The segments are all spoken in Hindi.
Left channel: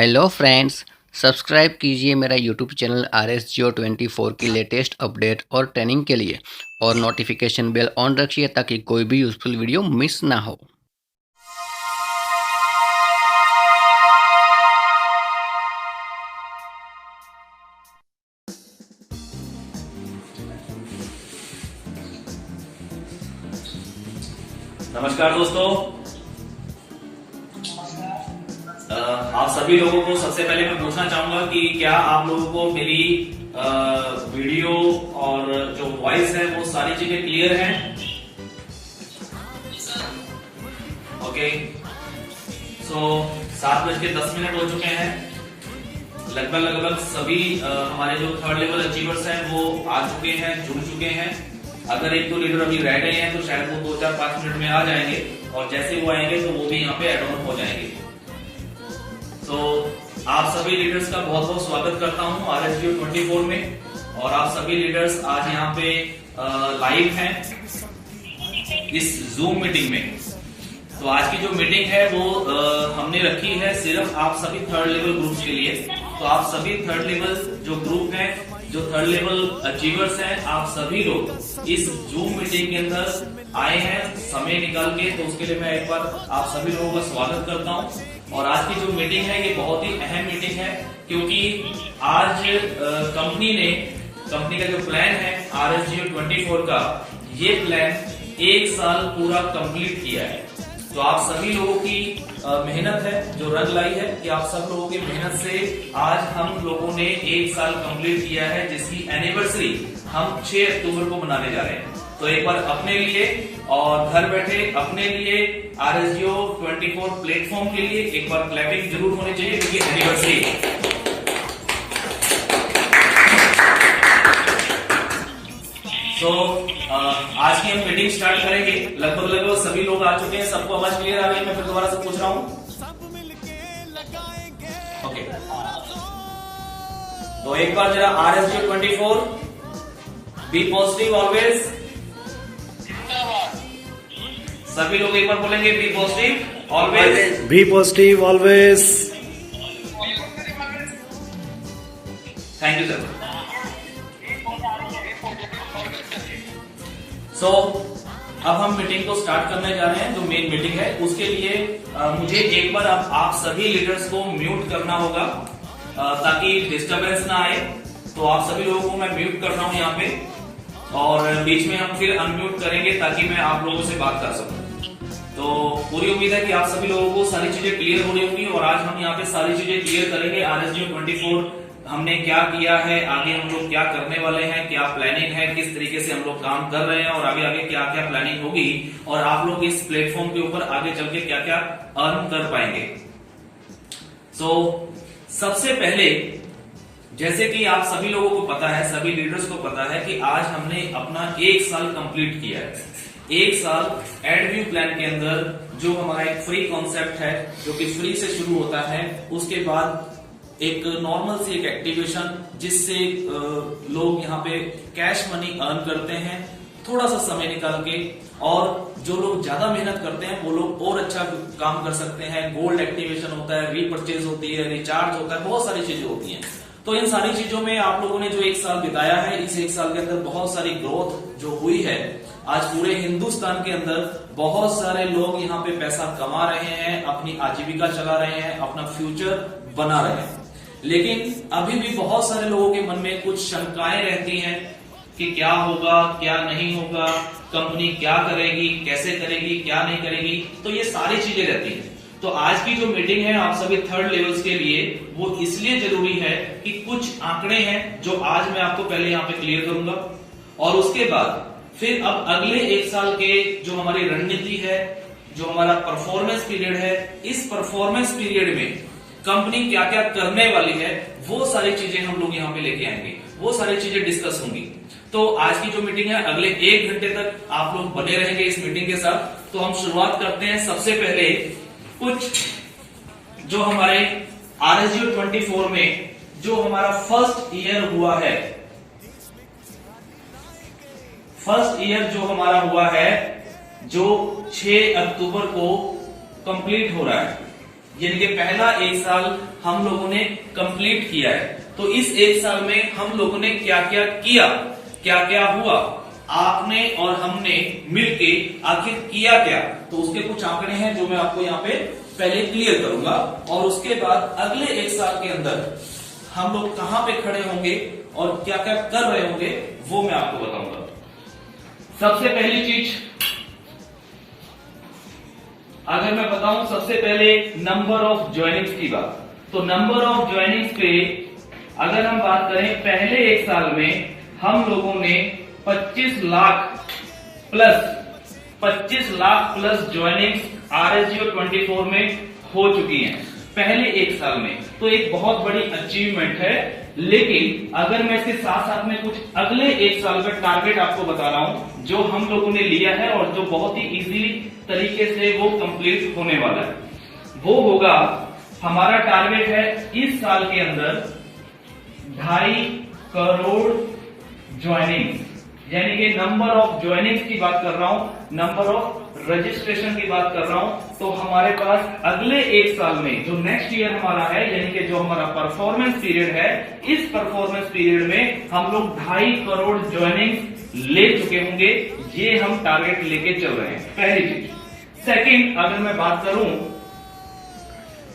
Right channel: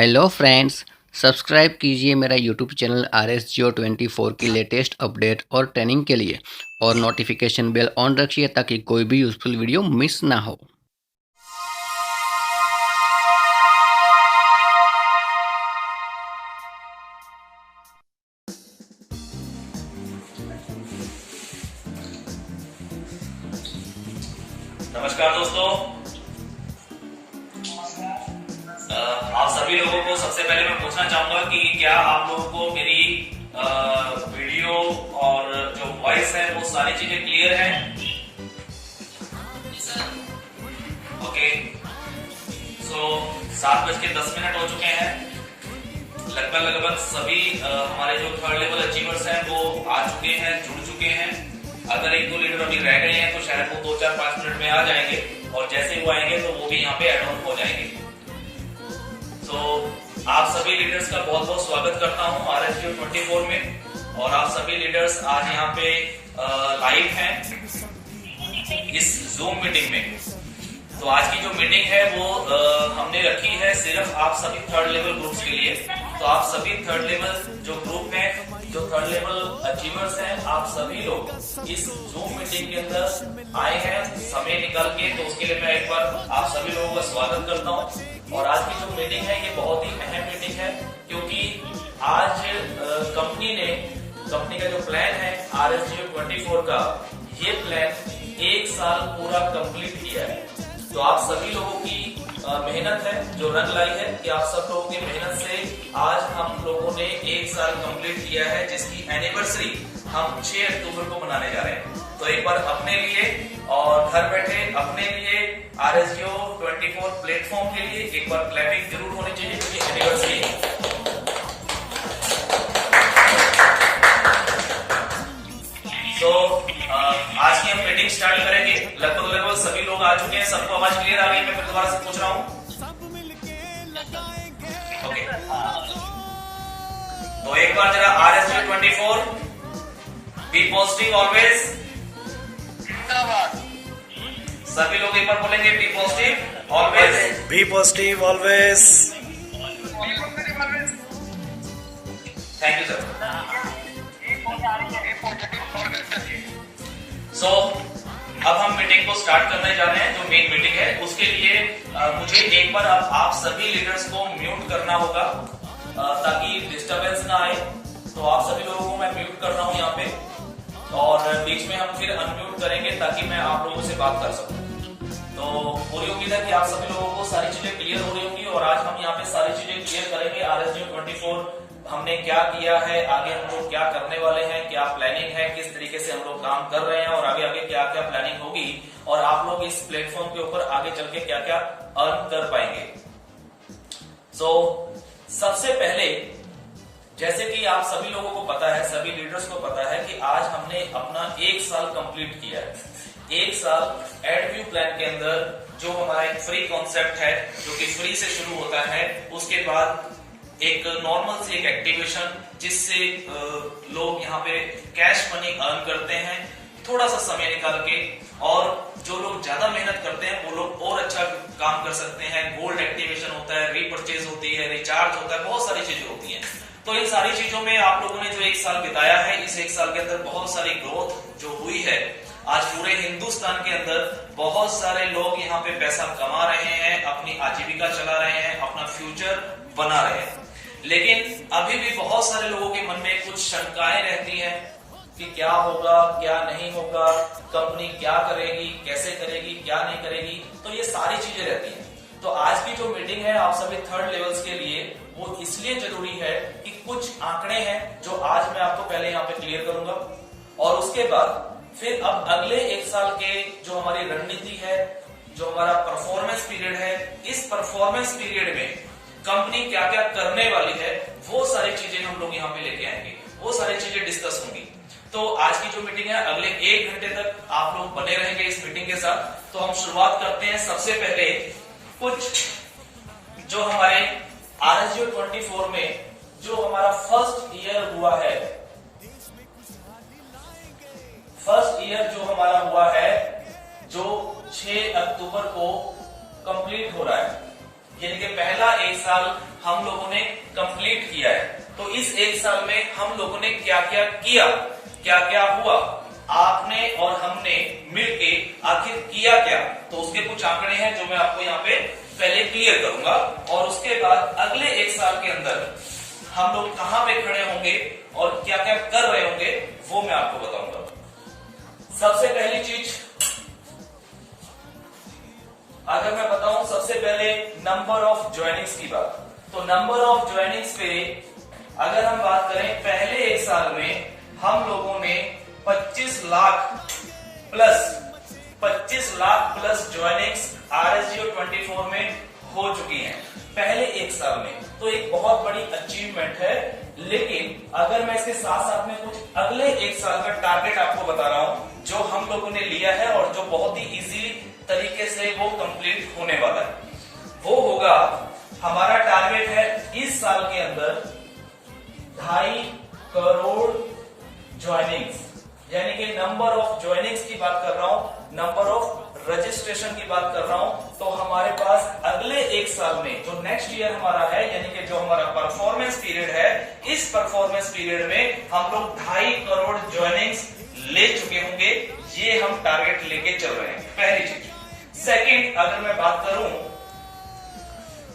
हेलो फ्रेंड्स, सब्सक्राइब कीजिए मेरा यूट्यूब चैनल RS Geo 24 की लेटेस्ट अपडेट और ट्रेनिंग के लिए और नोटिफिकेशन बेल ऑन रखिए ताकि कोई भी यूज़फुल वीडियो मिस ना हो। नमस्कार दोस्तों। आप सभी लोगों को सबसे पहले मैं पूछना चाहूंगा कि क्या आप लोगों को मेरी वीडियो और जो वॉइस है वो सारी चीजें क्लियर हैं? ओके, सो 7:10 हो चुके हैं। लगभग सभी हमारे जो थर्ड लेवल अचीवर्स हैं वो आ चुके हैं, जुड़ चुके हैं। अगर एक दो लीडर अभी रह गए हैं तो शायद वो 2-4-5 मिनट में आ जाएंगे और जैसे वो आएंगे तो वो भी यहाँ पे एड ऑन हो जाएंगे। तो आप सभी लीडर्स का बहुत बहुत स्वागत करता हूँ RS Geo 24 में। और आप सभी लीडर्स आज यहाँ पे लाइव हैं इस जूम मीटिंग में। तो आज की जो मीटिंग है वो हमने रखी है सिर्फ आप सभी थर्ड लेवल ग्रुप्स के लिए। तो आप सभी थर्ड लेवल जो ग्रुप हैं, जो थर्ड लेवल अचीवर्स हैं, आप सभी लोग इस जूम मीटिंग के अंदर आए हैं समय निकाल के। तो उसके लिए मैं एक बार आप सभी लोगों का स्वागत करता हूं। और आज की जो मीटिंग है ये बहुत ही अहम मीटिंग है, क्योंकि आज कंपनी का जो प्लान है RS Geo 24 का, ये प्लान 1 साल पूरा कंप्लीट किया है। तो आप सभी लोगों की मेहनत है जो रंग लाई है कि आप सब लोगों की मेहनत से आज हम लोगों ने 1 साल कंप्लीट किया है, जिसकी एनिवर्सरी हम 6 अक्टूबर को मनाने जा रहे हैं। तो एक बार अपने लिए और घर बैठे अपने लिए RS Geo 24 प्लेटफॉर्म के लिए एक बार क्लैपिंग जरूर होनी चाहिए, क्योंकि एनिवर्सरी। तो आज की हम मीटिंग स्टार्ट करेंगे। लगभग सभी लोग आ चुके हैं, सबको आवाज क्लियर आ गई? मैं फिर दोबारा से पूछ रहा हूँ। ओके, तो एक बार जरा RS Geo 24 be positive always. सभी लोग एक बार बोलेंगे be positive always, be positive always. Thank you sir. So अब हम मीटिंग को स्टार्ट करने जा रहे हैं। जो मेन मीटिंग है उसके लिए मुझे एक बार आप सभी लीडर्स को म्यूट करना होगा ताकि डिस्टरबेंस ना आए। तो आप सभी लोगों को मैं म्यूट कर रहा हूं यहाँ पे, और बीच में हम फिर अनम्यूट करेंगे ताकि मैं आप लोगों से बात कर सकूं। तो पूरी उम्मीद है कि आप सभी लोगों को सारी चीजें क्लियर हो रही होंगी, और आज हम यहाँ पे सारी चीजें क्लियर करेंगे। RS Geo 24 हमने क्या किया है, आगे हम लोग क्या करने वाले हैं, क्या प्लानिंग है, किस तरीके से हम लोग काम कर रहे हैं, और आगे क्या क्या प्लानिंग होगी, और आप लोग इस प्लेटफॉर्म के ऊपर आगे चल के क्या क्या अर्न कर पाएंगे। सो सबसे पहले, जैसे कि आप सभी लोगों को पता है, सभी लीडर्स को पता है कि आज हमने अपना 1 साल कंप्लीट किया है। 1 साल एडव्यू प्लान के अंदर जो हमारा एक फ्री कॉन्सेप्ट है, जो कि फ्री से शुरू होता है, उसके बाद एक नॉर्मल सी एक एक्टिवेशन जिससे लोग यहाँ पे कैश मनी अर्न करते हैं थोड़ा सा समय निकाल के, और जो लोग ज्यादा मेहनत करते हैं वो लोग और अच्छा काम कर सकते हैं। गोल्ड एक्टिवेशन होता है, रीपरचेज होती है, रिचार्ज होता है, बहुत सारी चीजें होती हैं। तो इन सारी चीजों में आप लोगों ने जो 1 साल बिताया है, इस 1 साल के अंदर बहुत सारी ग्रोथ जो हुई है। आज पूरे हिंदुस्तान के अंदर बहुत सारे लोग यहाँ पे पैसा कमा रहे हैं, अपनी आजीविका चला रहे हैं, अपना फ्यूचर बना रहे हैं। लेकिन अभी भी बहुत सारे लोगों के मन में कुछ शंकाएं रहती हैं कि क्या होगा, क्या नहीं होगा, कंपनी क्या करेगी, कैसे करेगी, क्या नहीं करेगी। तो ये सारी चीजें रहती हैं। तो आज की जो मीटिंग है आप सभी थर्ड लेवल्स के लिए, वो इसलिए जरूरी है कि कुछ आंकड़े हैं जो आज मैं आपको पहले यहाँ पे क्लियर करूंगा, और उसके बाद फिर अब अगले 1 साल के जो हमारी रणनीति है, जो हमारा परफॉर्मेंस पीरियड है, इस परफॉर्मेंस पीरियड में कंपनी क्या क्या करने वाली है, वो सारी चीजें हम लोग यहाँ पे लेके आएंगे, वो सारी चीजें डिस्कस होंगी। तो आज की जो मीटिंग है, अगले 1 घंटे तक आप लोग बने रहेंगे इस मीटिंग के साथ। तो हम शुरुआत करते हैं। सबसे पहले कुछ जो हमारे RS Geo 24 में जो हमारा फर्स्ट ईयर हुआ है, फर्स्ट ईयर जो हमारा हुआ है, जो 6 अक्टूबर को कंप्लीट हो रहा है, यानी कि पहला एक साल हम लोगों ने कंप्लीट किया है। तो इस एक साल में हम लोगों ने क्या क्या किया, क्या क्या हुआ, आपने और हमने मिलके आखिर किया क्या, तो उसके कुछ आंकड़े हैं जो मैं आपको यहाँ पे पहले क्लियर करूंगा, और उसके बाद अगले एक साल के अंदर हम लोग कहां पे खड़े होंगे और क्या क्या कर रहे होंगे वो मैं आपको बताऊंगा। सबसे पहली चीज अगर मैं बताऊं, सबसे पहले नंबर ऑफ ज्वाइनिंग्स की बात, तो नंबर ऑफ ज्वाइनिंग्स पे अगर हम बात करें, पहले एक साल में हम लोगों ने 25 लाख प्लस ज्वाइनिंग्स RSGO 24 में हो चुकी हैं पहले एक साल में। तो एक बहुत बड़ी अचीवमेंट है। लेकिन अगर मैं इसके साथ साथ में कुछ अगले एक साल का टारगेट आपको बता रहा हूं जो हम लोगों ने लिया है और जो बहुत ही इजीली तरीके से वो कंप्लीट होने वाला है, वो होगा, हमारा टारगेट है इस साल के अंदर 2.5 करोड़ ज्वाइनिंग्स, यानी कि नंबर ऑफ ज्वाइनिंग्स की बात कर रहा हूं, नंबर ऑफ रजिस्ट्रेशन की बात कर रहा हूं। तो हमारे पास अगले एक साल में जो नेक्स्ट ईयर हमारा है, यानी कि जो हमारा परफॉर्मेंस पीरियड है, इस परफॉर्मेंस पीरियड में हम लोग 2.5 करोड़ ज्वाइनिंग्स ले चुके होंगे। ये हम टारगेट लेके चल रहे हैं, पहली चीज। सेकंड, अगर मैं बात करूं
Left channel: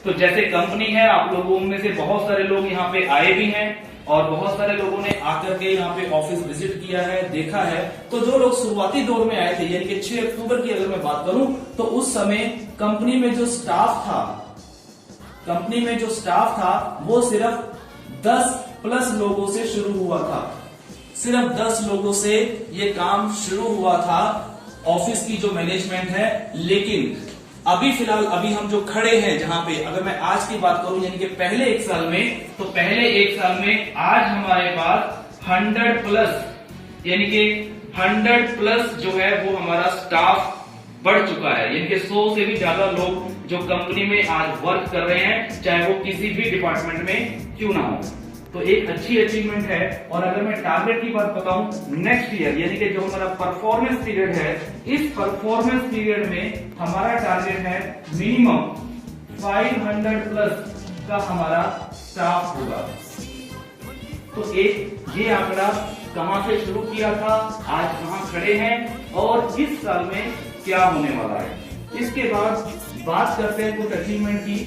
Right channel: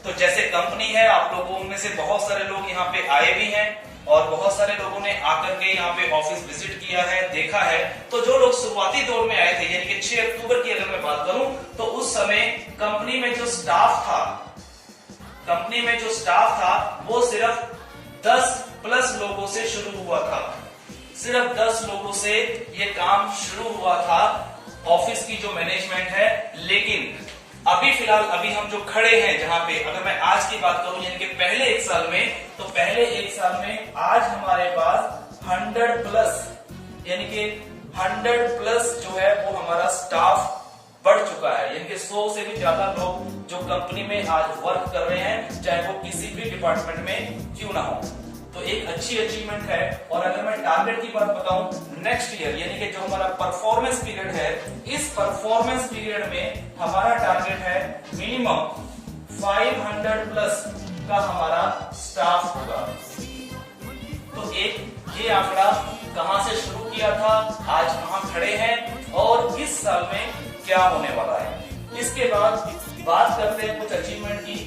तो जैसे कंपनी है, आप लोगों में से बहुत सारे लोग यहाँ पे आए भी हैं और बहुत सारे लोगों ने आकर के यहाँ पे ऑफिस विजिट किया है, देखा है। तो जो लोग शुरुआती दौर में आए थे, यानी कि 6 अक्टूबर की अगर मैं बात करूं, तो उस समय कंपनी में जो स्टाफ था वो सिर्फ 10 प्लस लोगों से शुरू हुआ था। सिर्फ 10 लोगों से ये काम शुरू हुआ था, ऑफिस की जो मैनेजमेंट है। लेकिन अभी फिलहाल अभी हम जो खड़े हैं जहां पे, अगर मैं आज की बात करूं, यानी कि पहले एक साल में, तो पहले एक साल में आज हमारे पास 100 प्लस, यानी कि 100 प्लस जो है वो हमारा स्टाफ बढ़ चुका है। यानी कि 100 से भी ज्यादा लोग जो कंपनी में आज वर्क कर रहे हैं, चाहे वो किसी भी डिपार्टमेंट में क्यों ना हो। तो एक अच्छी अचीवमेंट है। और अगर मैं टारगेट की बात बताऊं, नेक्स्ट ईयर, यानी कि जो हमारा परफॉर्मेंस पीरियड है, इस परफॉर्मेंस पीरियड में हमारा टारगेट है मिनिमम 500 प्लस का हमारा स्टाफ होगा। तो एक ये आंकड़ा कहां से शुरू किया था, आज कहां खड़े हैं और इस साल में क्या होने वाला है। इसके बाद बात करते हैं कुछ अचीवमेंट की।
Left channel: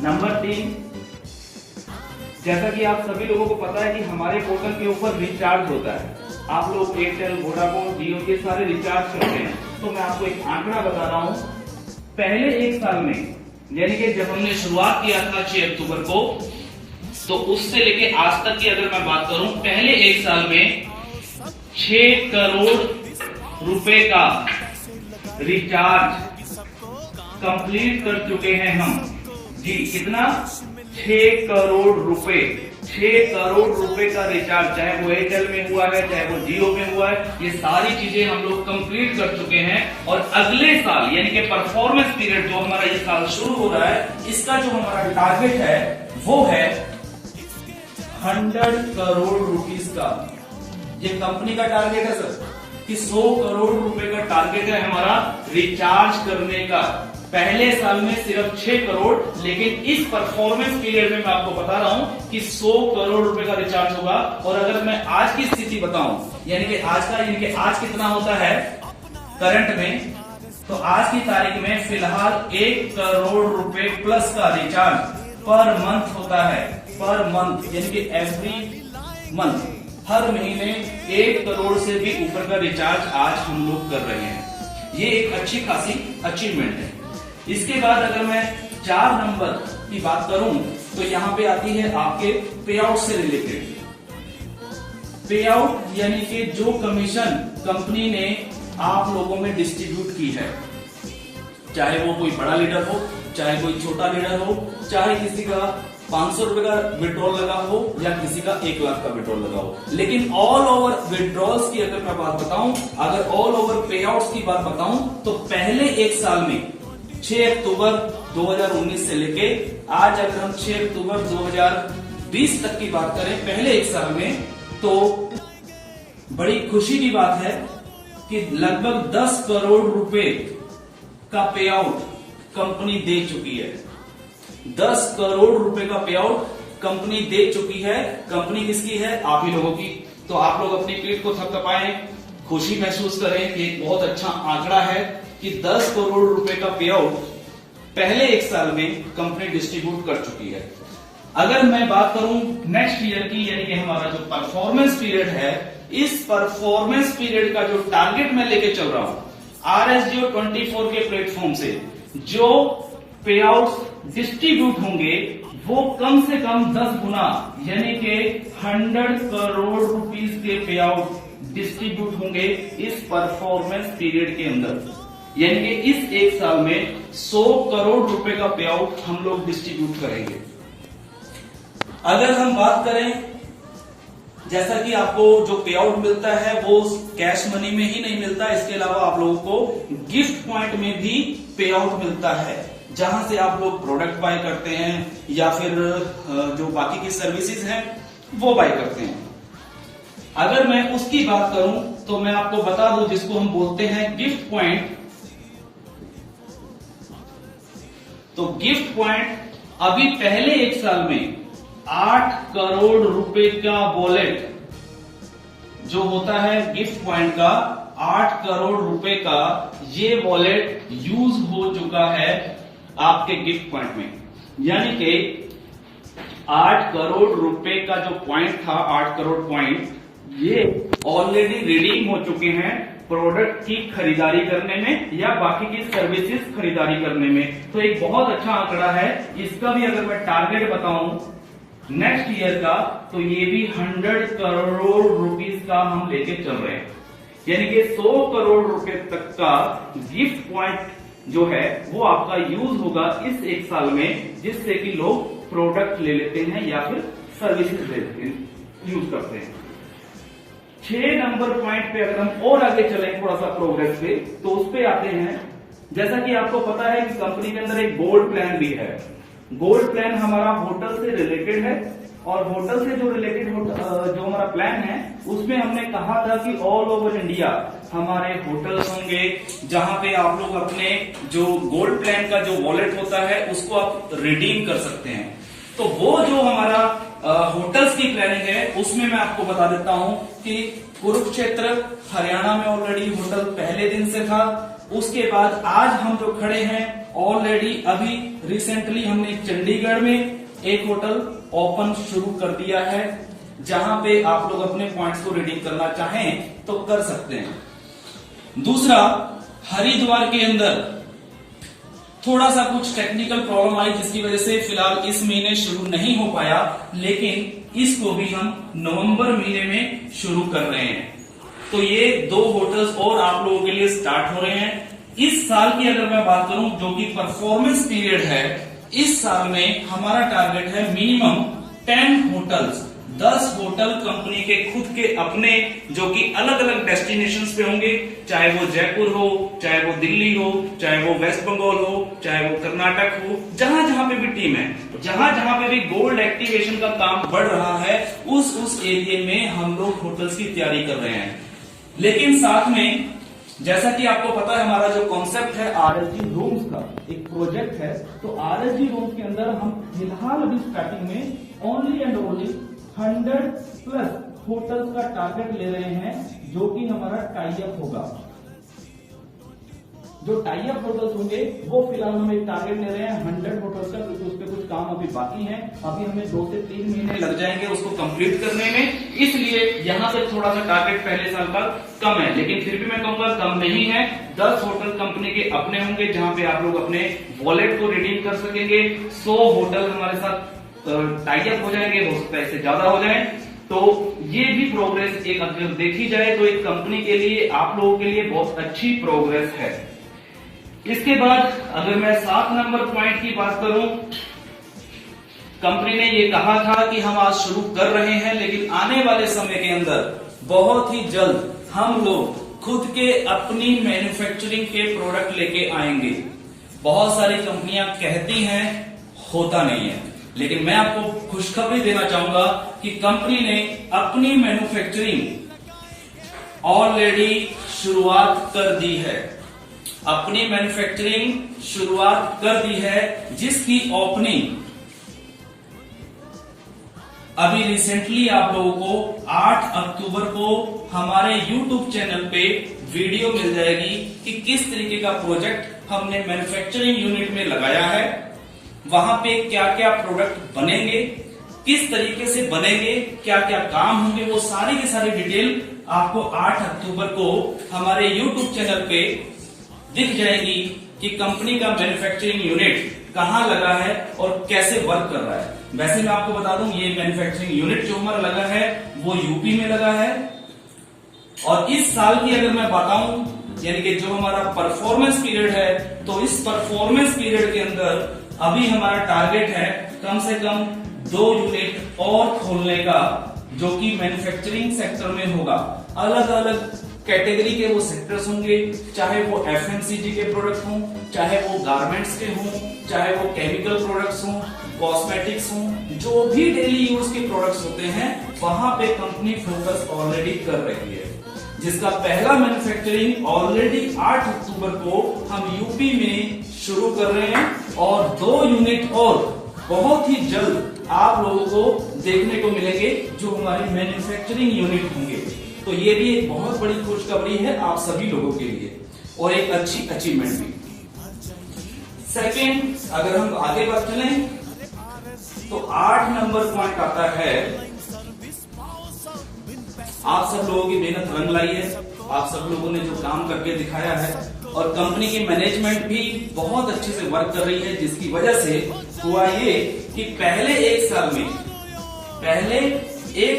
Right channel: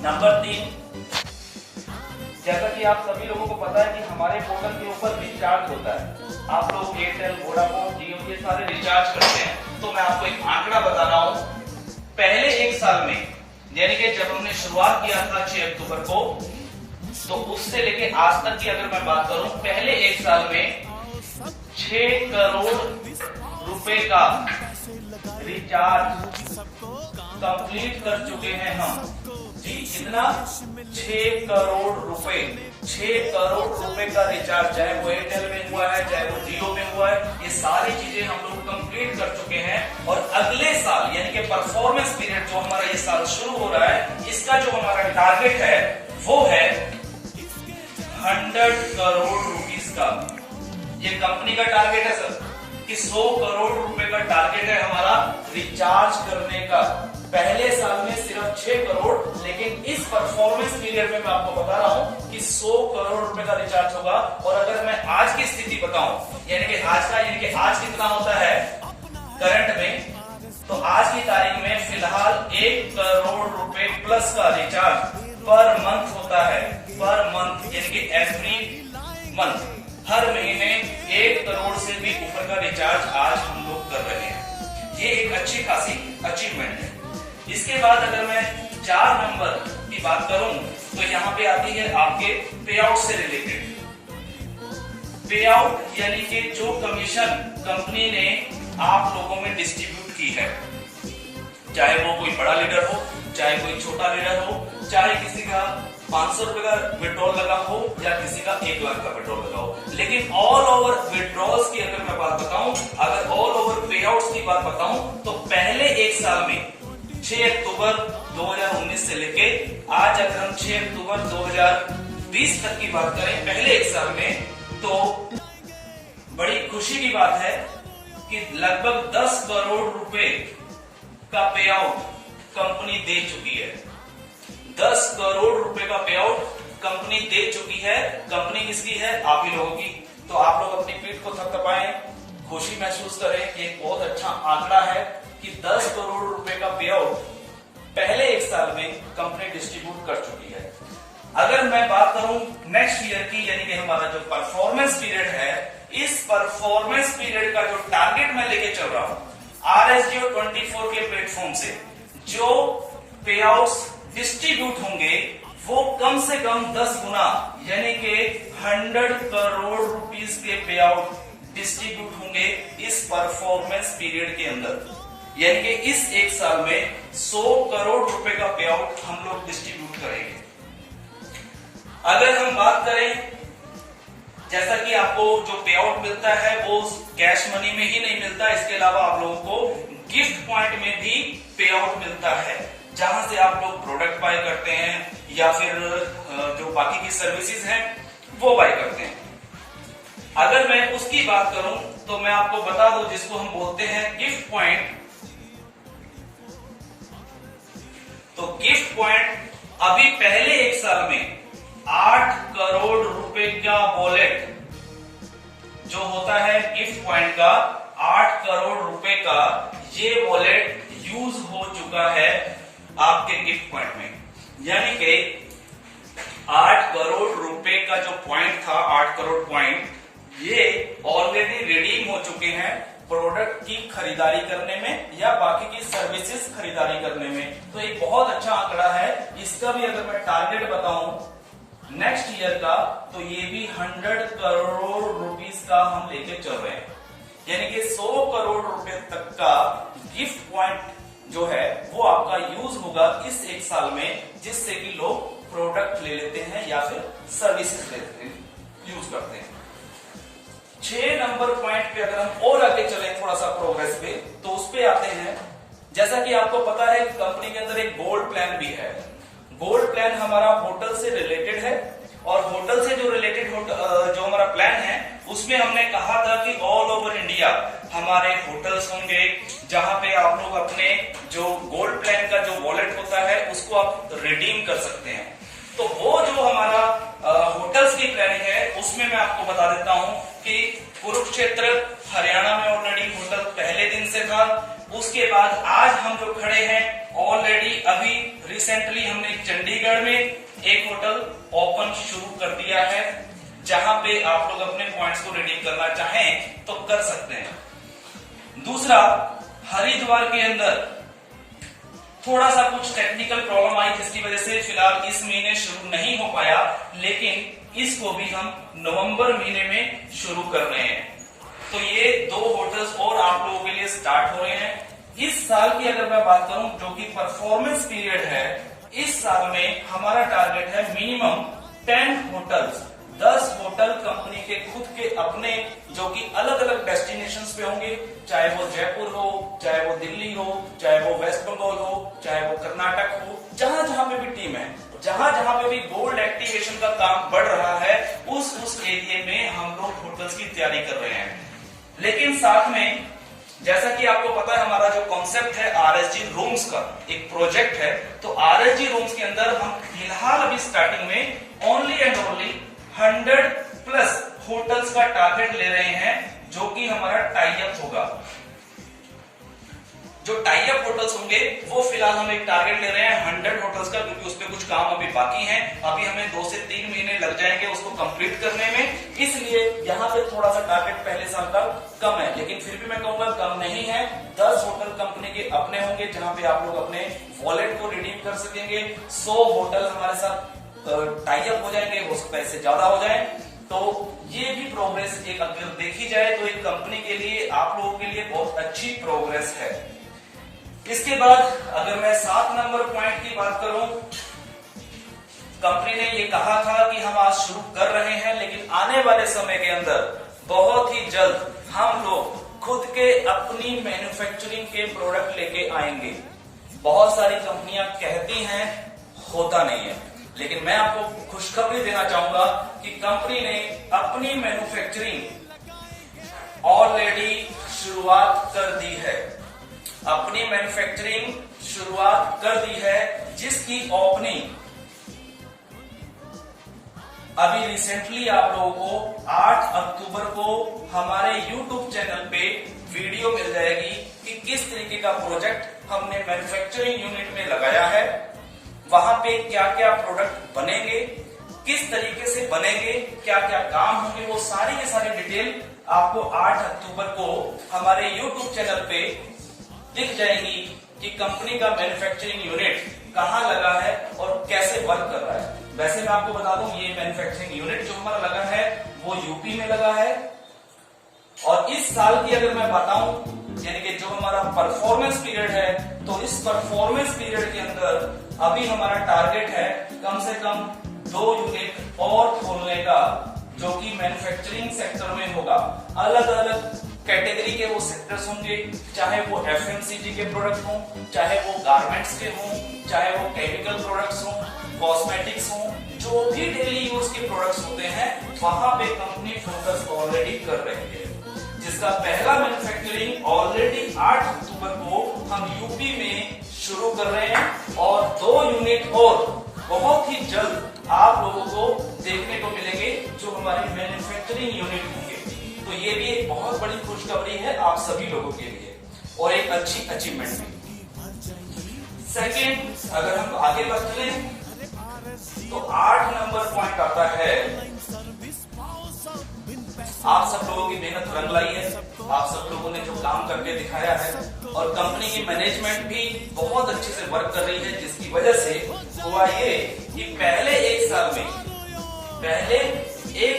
नंबर 3, जैसा कि आप सभी लोगों को पता है कि हमारे पोर्टल के ऊपर रिचार्ज होता है। आप लोग एयरटेल, वोडाफोन, जियो के सारे रिचार्ज करते हैं। तो मैं आपको एक आंकड़ा बता रहा हूं, पहले एक साल में, यानी कि जब हमने शुरुआत किया था 6 अक्टूबर को, तो उससे लेके आज तक की अगर मैं बात करूं, पहले एक साल में 6 करोड़ रुपए का रिचार्ज कंप्लीट कर चुके हैं हम जी। कितना? 6 करोड़ रुपए। 6 करोड़ रुपए का रिचार्ज, चाहे वो एयरटेल में हुआ है, चाहे वो जियो में हुआ है, ये सारी चीजें हम लोग कंप्लीट कर चुके हैं। और अगले साल, यानी कि परफॉर्मेंस पीरियड जो हमारा ये साल शुरू हो रहा है, इसका जो हमारा टारगेट है वो है 100 करोड़ रुपीस का। ये कंपनी का टारगेट है सर, कि 100 करोड़ रुपए का टारगेट है हमारा रिचार्ज करने का। पहले साल में सिर्फ 6 करोड़, लेकिन इस परफॉर्मेंस पीरियड में मैं आपको बता रहा हूं कि 100 करोड़ रुपए का रिचार्ज होगा। और अगर मैं आज की स्थिति बताऊं, यानी कि आज कितना होता है करंट में, तो आज की तारीख में फिलहाल 1 करोड़ रुपए प्लस का रिचार्ज पर मंथ होता है। पर मंथ, यानी कि एवरी मंथ, हर महीने 1 करोड़ से भी ऊपर का रिचार्ज आज हम लोग कर रहे हैं। ये एक अच्छी खासी अचीवमेंट है। इसके बाद अगर मैं 4 नंबर की बात करूं, तो यहां पे आती है आपके पे आउट से रिलेटेड। पे आउट यानी कि जो कमीशन कंपनी ने आप लोगों में डिस्ट्रीब्यूट की है, चाहे वो कोई बड़ा लीडर हो, चाहे कोई छोटा लीडर हो, चाहे किसी का 500 रुपए का विड्रॉल लगा हो या किसी का 1 लाख का विड्रॉल लगा हो। लेकिन ऑल ओवर विड्रॉल्स की अगर मैं बात बताऊं, अगर ऑल ओवर पे आउट्स की बात बताऊं, तो पहले एक साल में 6 अक्टूबर 2019 से लेके आज अगर हम 6 अक्टूबर 2020 तक की बात करें, पहले एक साल में, तो बड़ी खुशी की बात है कि लगभग 10 करोड़ रुपए का पे आउट कंपनी दे चुकी है। 10 करोड़ रुपए का पे आउट कंपनी दे चुकी है। कंपनी किसकी है? आप ही लोगों की। तो आप लोग अपनी पीठ को थपथपाएं, खुशी महसूस करें कि एक बहुत अच्छा आंकड़ा है कि 10 करोड़ रुपए का पे आउट पहले एक साल में कंपनी डिस्ट्रीब्यूट कर चुकी है। अगर मैं बात करूं नेक्स्ट ईयर की, यानी कि हमारा जो परफॉर्मेंस पीरियड है, इस परफॉर्मेंस पीरियड का जो टारगेट मैं लेके चल रहा हूं RSGO 24 के प्लेटफॉर्म से, जो पे आउट्स डिस्ट्रीब्यूट होंगे वो कम से कम 10 गुना यानी कि 100 करोड़ रुपीस के पे आउट डिस्ट्रीब्यूट होंगे इस परफॉर्मेंस पीरियड के अंदर। यानी कि इस एक साल में 100 करोड़ रुपए का पे आउट हम लोग डिस्ट्रीब्यूट करेंगे। अगर हम बात करें, जैसा कि आपको जो पे आउट मिलता है वो कैश मनी में ही नहीं मिलता, इसके अलावा आप लोगों को गिफ्ट पॉइंट में भी पे आउट मिलता है, जहां से आप लोग प्रोडक्ट बाय करते हैं या फिर जो बाकी की सर्विसेज हैं वो बाय करते हैं। अगर मैं उसकी बात करूं तो मैं आपको बता दूं, जिसको हम बोलते हैं गिफ्ट पॉइंट। तो गिफ्ट पॉइंट अभी पहले एक साल में 8 करोड़ रुपए का वॉलेट जो होता है गिफ्ट पॉइंट का, 8 करोड़ रुपए का ये वॉलेट यूज हो चुका है आपके गिफ्ट पॉइंट में। यानी कि 8 करोड़ रुपए का जो पॉइंट था, 8 करोड़ पॉइंट, ये ऑलरेडी रिडीम हो चुके हैं प्रोडक्ट की खरीदारी करने में या बाकी की सर्विसेज खरीदारी करने में। तो एक बहुत अच्छा आंकड़ा है। इसका भी अगर मैं टारगेट बताऊं नेक्स्ट ईयर का, तो ये भी 100 करोड़ रुपीस का हम लेके चल रहे हैं। यानी कि 100 करोड़ रुपए तक का गिफ्ट पॉइंट जो है वो आपका यूज होगा इस एक साल में, जिससे कि लोग प्रोडक्ट ले लेते हैं या फिर सर्विसेज लेते हैं, यूज करते हैं। 6 नंबर पॉइंट पे अगर हम और आगे चलें थोड़ा सा प्रोग्रेस पे, तो उस पे आते हैं। जैसा कि आपको पता है कि कंपनी के अंदर एक गोल्ड प्लान भी है। गोल्ड प्लान हमारा होटल से रिलेटेड है, और होटल से जो रिलेटेड जो हमारा प्लान है उसमें हमने कहा था कि ऑल ओवर इंडिया हमारे होटल्स होंगे, जहां पे आप लोग अपने जो गोल्ड प्लान का जो वॉलेट होता है उसको आप रिडीम कर सकते हैं। तो वो जो हमारा होटल्स की प्लानिंग है उसमें मैं आपको बता देता हूं कि कुरुक्षेत्र हरियाणा में ऑलरेडी होटल पहले दिन से था। उसके बाद आज हम जो खड़े हैं ऑलरेडी अभी रिसेंटली हमने चंडीगढ़ में एक होटल ओपन शुरू कर दिया है, जहां पे आप लोग अपने पॉइंट्स को रिडीम करना चाहें तो कर सकते हैं। दूसरा, हरिद्वार के अंदर थोड़ा सा कुछ टेक्निकल प्रॉब्लम आई, जिसकी वजह से फिलहाल इस महीने शुरू नहीं हो पाया, लेकिन इसको भी हम नवंबर महीने में शुरू कर रहे हैं। तो ये 2 होटल्स और आप लोगों के लिए स्टार्ट हो रहे हैं। इस साल की अगर मैं बात करूं, जो कि परफॉर्मेंस पीरियड है, इस साल में हमारा टारगेट है मिनिमम 10 होटल्स, 10 होटल कंपनी के खुद के अपने, जो कि अलग अलग डेस्टिनेशंस पे होंगे, चाहे वो जयपुर हो, चाहे वो दिल्ली हो, चाहे वो वेस्ट बंगाल हो, चाहे वो कर्नाटक हो, जहां जहां पे भी टीम है, जहां जहां पे भी गोल्ड एक्टिवेशन का काम बढ़ रहा है, उस एरिया में हम लोग होटल्स की तैयारी कर रहे हैं। लेकिन साथ में, जैसा कि आपको पता है, हमारा जो कॉन्सेप्ट है RSG रूम्स का एक प्रोजेक्ट है, तो RSG रूम्स के अंदर हम फिलहाल अभी स्टार्टिंग में ओनली एंड ओनली 100+ होटल्स का टारगेट ले रहे हैं, जो कि हमारा टाई अप होगा। जो टाई अप होटल्स होंगे वो फिलहाल हम एक टारगेट ले रहे हैं 100 होटल्स का, क्योंकि उस पर कुछ काम अभी बाकी है। अभी हमें 2 से 3 महीने लग जाएंगे उसको कंप्लीट करने में, इसलिए यहां पे थोड़ा सा टारगेट पहले साल का कम है, लेकिन फिर भी मैं कहूंगा कम नहीं है। 10 होटल कंपनी के अपने होंगे, जहां पे आप लोग अपने वॉलेट को रिडीम कर सकेंगे। 100 होटल हमारे साथ टाई अप हो जाएंगे, हो सकता है इससे ज्यादा हो जाए। तो ये भी प्रोग्रेस एक अगर देखी जाए तो एक कंपनी के लिए, आप लोगों के लिए बहुत अच्छी प्रोग्रेस है। इसके बाद अगर मैं 7 नंबर पॉइंट की बात करूं, कंपनी ने ये कहा था कि हम आज शुरू कर रहे हैं, लेकिन आने वाले समय के अंदर बहुत ही जल्द हम लोग खुद के अपनी मैन्युफैक्चरिंग के प्रोडक्ट लेके आएंगे। बहुत सारी कंपनियां कहती हैं, होता नहीं है, लेकिन मैं आपको खुशखबरी देना चाहूंगा कि कंपनी ने अपनी मैन्युफैक्चरिंग ऑलरेडी शुरुआत कर दी है। अपनी मैन्युफैक्चरिंग शुरुआत कर दी है, जिसकी ओपनिंग अभी रिसेंटली आप लोगों को 8 अक्टूबर को हमारे YouTube चैनल पे वीडियो मिल जाएगी कि किस तरीके का प्रोजेक्ट हमने मैन्युफैक्चरिंग यूनिट में लगाया है, वहां पे क्या क्या प्रोडक्ट बनेंगे, किस तरीके से बनेंगे, क्या क्या काम होंगे, वो सारी की सारी डिटेल आपको 8 अक्टूबर को हमारे YouTube चैनल पे दिख जाएगी कि कंपनी का मैन्युफैक्चरिंग यूनिट कहाँ लगा है और कैसे वर्क कर रहा है। वैसे मैं आपको बता दूं, ये मैन्युफैक्चरिंग यूनिट जो हमारा लगा है वो यूपी में लगा है। और इस साल की अगर मैं बताऊं, यानी कि जो हमारा परफॉर्मेंस पीरियड है, तो इस परफॉर्मेंस पीरियड के अंदर अभी हमारा टारगेट है कम से कम 2 यूनिट और खोलने का, जो कि मैन्युफैक्चरिंग सेक्टर में होगा। अलग अलग कैटेगरी के वो सेक्टर्स होंगे, चाहे वो एफएमसीजी के प्रोडक्ट हों, चाहे वो गारमेंट्स के हों, चाहे वो केमिकल प्रोडक्ट्स हों, कॉस्मेटिक्स हों, जो भी डेली यूज के प्रोडक्ट्स होते हैं, वहां पे कंपनी फोकस ऑलरेडी कर रही है। जिसका पहला मैन्युफैक्चरिंग ऑलरेडी 8 अक्टूबर को हम यूपी में शुरू कर रहे हैं और 2 यूनिट और बहुत ही जल्द आप लोगों को देखने को मिलेंगे जो हमारी मैन्युफैक्चरिंग यूनिट होंगे। तो ये भी एक बहुत बड़ी खुशखबरी है आप सभी लोगों के लिए और एक अच्छी अचीवमेंट भी। सेकेंड, अगर हम आगे बढ़ चले तो 8 नंबर पॉइंट आता है, आप सब लोगों की मेहनत रंग लाई है, आप सब लोगों ने जो काम करके दिखाया है और कंपनी की मैनेजमेंट भी बहुत अच्छे से वर्क कर रही है, जिसकी वजह से हुआ ये कि पहले एक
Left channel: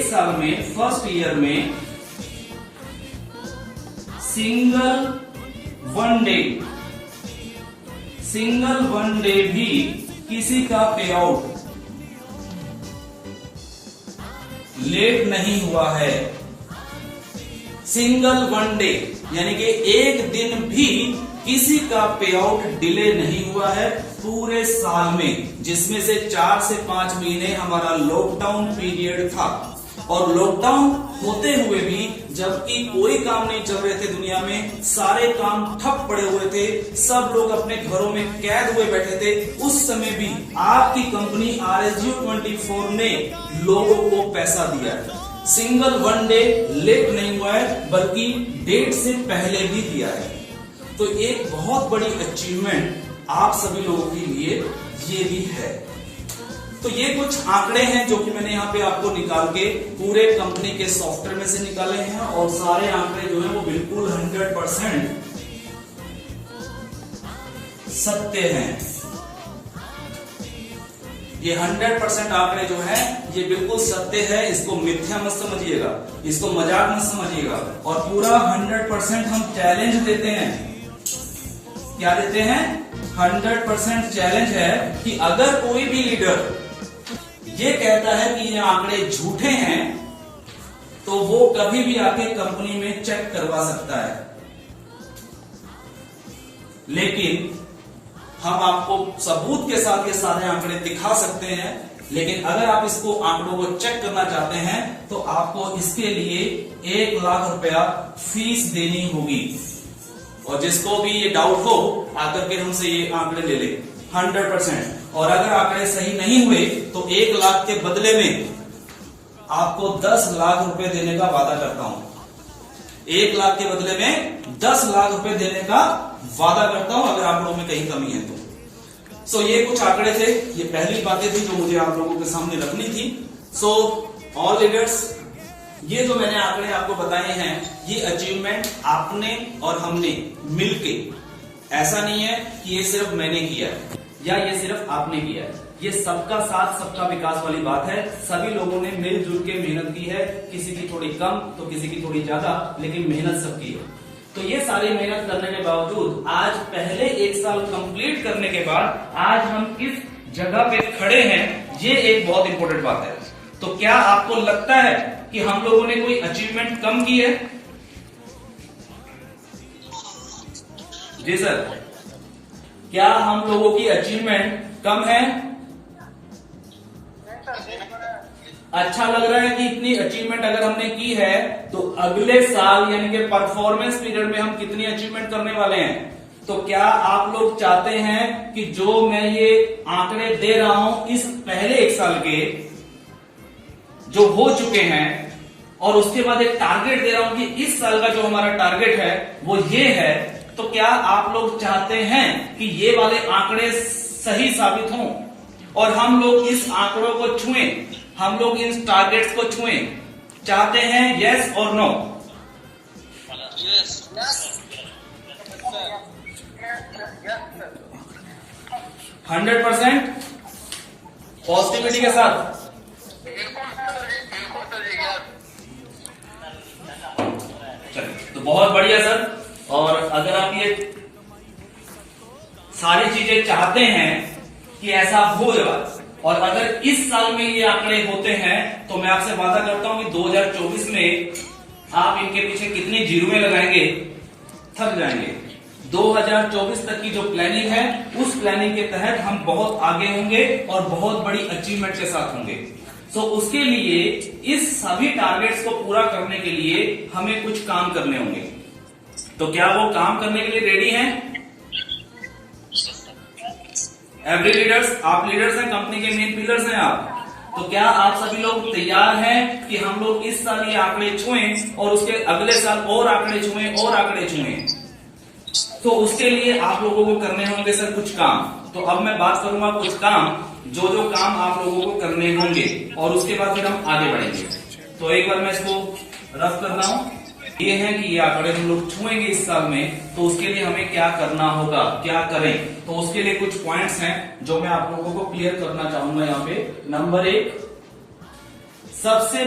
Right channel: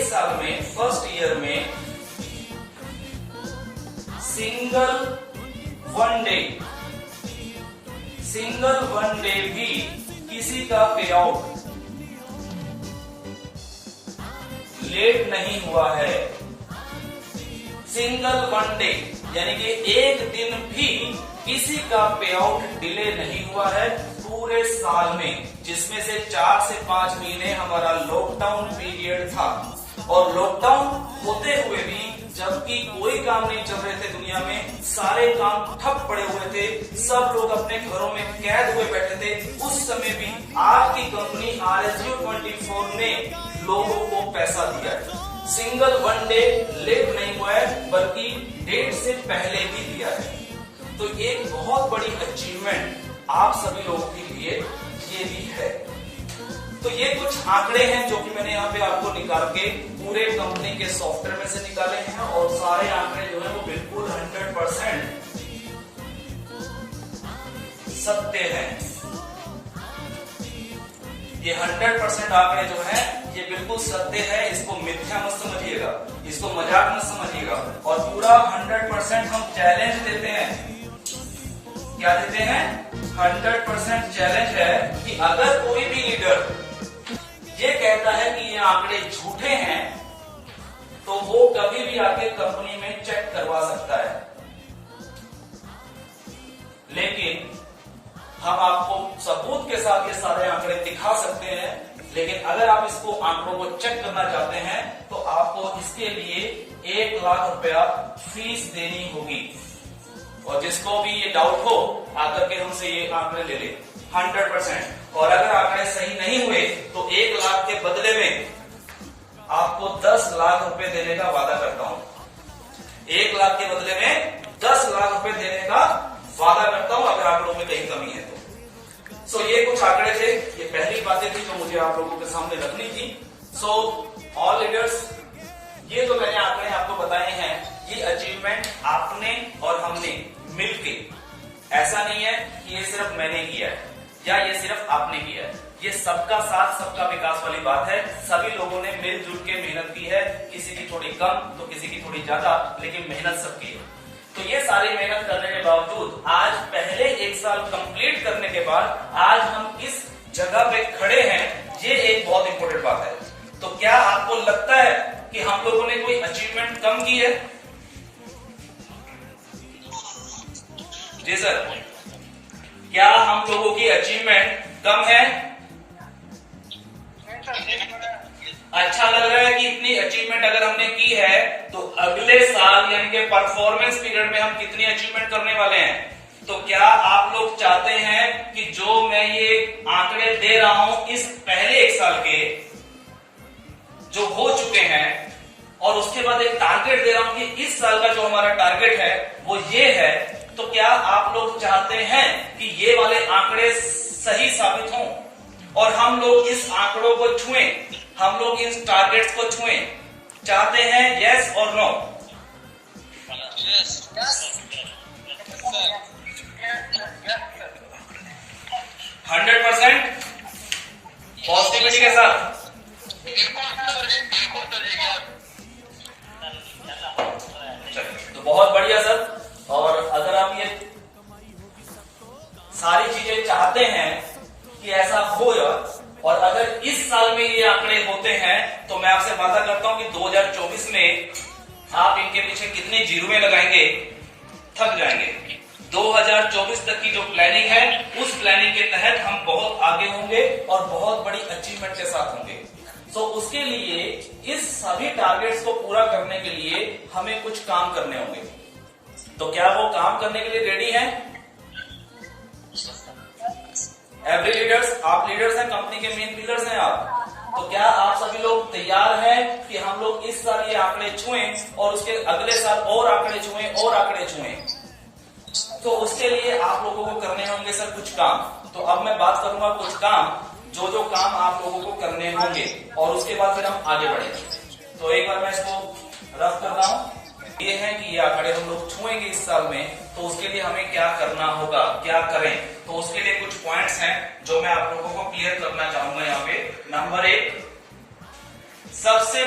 साल में फर्स्ट ईयर में सिंगल वन डे भी किसी का पे आउट लेट नहीं हुआ है। सिंगल वन डे यानी कि एक दिन भी किसी का पे आउट डिले नहीं हुआ है पूरे साल में, जिसमें से 4 से 5 महीने हमारा लॉकडाउन पीरियड था। और लॉकडाउन होते हुए भी, जबकि कोई काम नहीं चल रहे थे दुनिया में, सारे काम ठप पड़े हुए थे, सब लोग अपने घरों में कैद हुए बैठे थे, उस समय भी आपकी कंपनी RSG24 ने लोगों को पैसा दिया है। सिंगल वन डे लेट नहीं हुआ है, बल्कि डेट से पहले भी दिया है। तो एक बहुत बड़ी अचीवमेंट आप सभी लोगों के लिए ये भी है। तो ये कुछ आंकड़े हैं जो कि मैंने यहाँ पे आपको निकाल के पूरे कंपनी के सॉफ्टवेयर में से निकाले हैं, और सारे आंकड़े जो है वो बिल्कुल 100% सत्य हैं। ये 100% आंकड़े जो है ये बिल्कुल सत्य है, इसको मिथ्या मत समझिएगा, इसको मजाक मत समझिएगा। और पूरा 100% हम चैलेंज देते हैं। क्या देते हैं? 100% चैलेंज है कि अगर कोई भी लीडर ये कहता है कि ये आंकड़े झूठे हैं, तो वो कभी भी आके कंपनी में चेक करवा सकता है। लेकिन हम आपको सबूत के साथ ये सारे आंकड़े दिखा सकते हैं, लेकिन अगर आप इसको आंकड़ों को चेक करना चाहते हैं तो आपको इसके लिए 1 लाख रुपया फीस देनी होगी। और जिसको भी ये डाउट हो आकर के हमसे ये आंकड़े ले ले 100%। और अगर आंकड़े सही नहीं हुए तो 1 लाख के बदले में आपको 10 लाख रुपए देने का वादा करता हूं। 1 लाख के बदले में 10 लाख रुपए देने का वादा करता हूं, अगर आप लोगों में कहीं कमी है तो। सो ये कुछ आंकड़े थे, ये पहली बातें थी जो मुझे आप लोगों के सामने रखनी थी। सो ऑल लीडर्स, ये जो मैंने आंकड़े आपको बताए हैं, ये अचीवमेंट आपने और हमने मिलके, ऐसा नहीं है कि ये सिर्फ मैंने किया है या ये सिर्फ आपने किया है, ये सबका साथ सबका विकास वाली बात है। सभी लोगों ने मिलजुल के मेहनत की है, किसी की थोड़ी कम तो किसी की थोड़ी ज्यादा, लेकिन मेहनत सबकी है। तो ये सारी मेहनत करने के बावजूद आज पहले 1 साल कंप्लीट करने के बाद आज हम किस जगह पे खड़े हैं, ये एक बहुत इंपॉर्टेंट बात है। तो क्या आपको लगता है कि हम लोगों ने कोई अचीवमेंट कम की है? जी सर, क्या हम लोगों की अचीवमेंट कम है? अच्छा लग रहा है कि इतनी अचीवमेंट अगर हमने की है तो अगले साल यानी कि परफॉर्मेंस पीरियड में हम कितनी अचीवमेंट करने वाले हैं? तो क्या आप लोग चाहते हैं कि जो मैं ये आंकड़े दे रहा हूं इस पहले 1 साल के, जो हो चुके हैं और उसके बाद एक टारगेट दे रहा हूं कि इस साल का जो हमारा टारगेट है वो ये है, तो क्या आप लोग चाहते हैं कि ये वाले आंकड़े सही साबित हों और हम लोग इस आंकड़ों को छुएं, हम लोग इन टारगेट्स को छुएं? चाहते हैं? यस और नो? 100% पॉजिटिविटी के साथ। तो बहुत बढ़िया सर। और अगर आप ये सारी चीजें चाहते हैं कि ऐसा हो जाए और अगर इस साल में ये आंकड़े होते हैं तो मैं आपसे वादा करता हूं कि 2024 में आप इनके पीछे कितनी जीरोएं लगाएंगे, थक जाएंगे। 2024 तक की जो प्लानिंग है उस प्लानिंग के तहत हम बहुत आगे होंगे और बहुत बड़ी अचीवमेंट के साथ होंगे। तो उसके लिए इस सभी टारगेट्स को पूरा करने के लिए हमें कुछ काम करने होंगे। तो क्या वो काम करने के लिए रेडी हैं? एवरी लीडर्स, आप लीडर्स हैं, कंपनी के मेन पिलर्स हैं आप। तो क्या आप सभी लोग तैयार हैं कि हम लोग इस साल ये आंकड़े छुएं और उसके अगले साल और आंकड़े छुएं और आंकड़े छुएं? तो उसके लिए आप लोगों को करने होंगे सर कुछ काम। तो अब मैं बात करूंगा कुछ काम, जो जो काम आप लोगों को करने होंगे और उसके बाद फिर हम आगे बढ़ेंगे। तो एक बार मैं इसको रफ कर रहा हूं। ये है कि ये आंकड़े हम लोग छुएंगे इस साल में, तो उसके लिए हमें क्या करना होगा, क्या करें। तो उसके लिए कुछ पॉइंट्स हैं जो मैं आप लोगों को क्लियर करना चाहूंगा यहाँ पे। नंबर 1, सबसे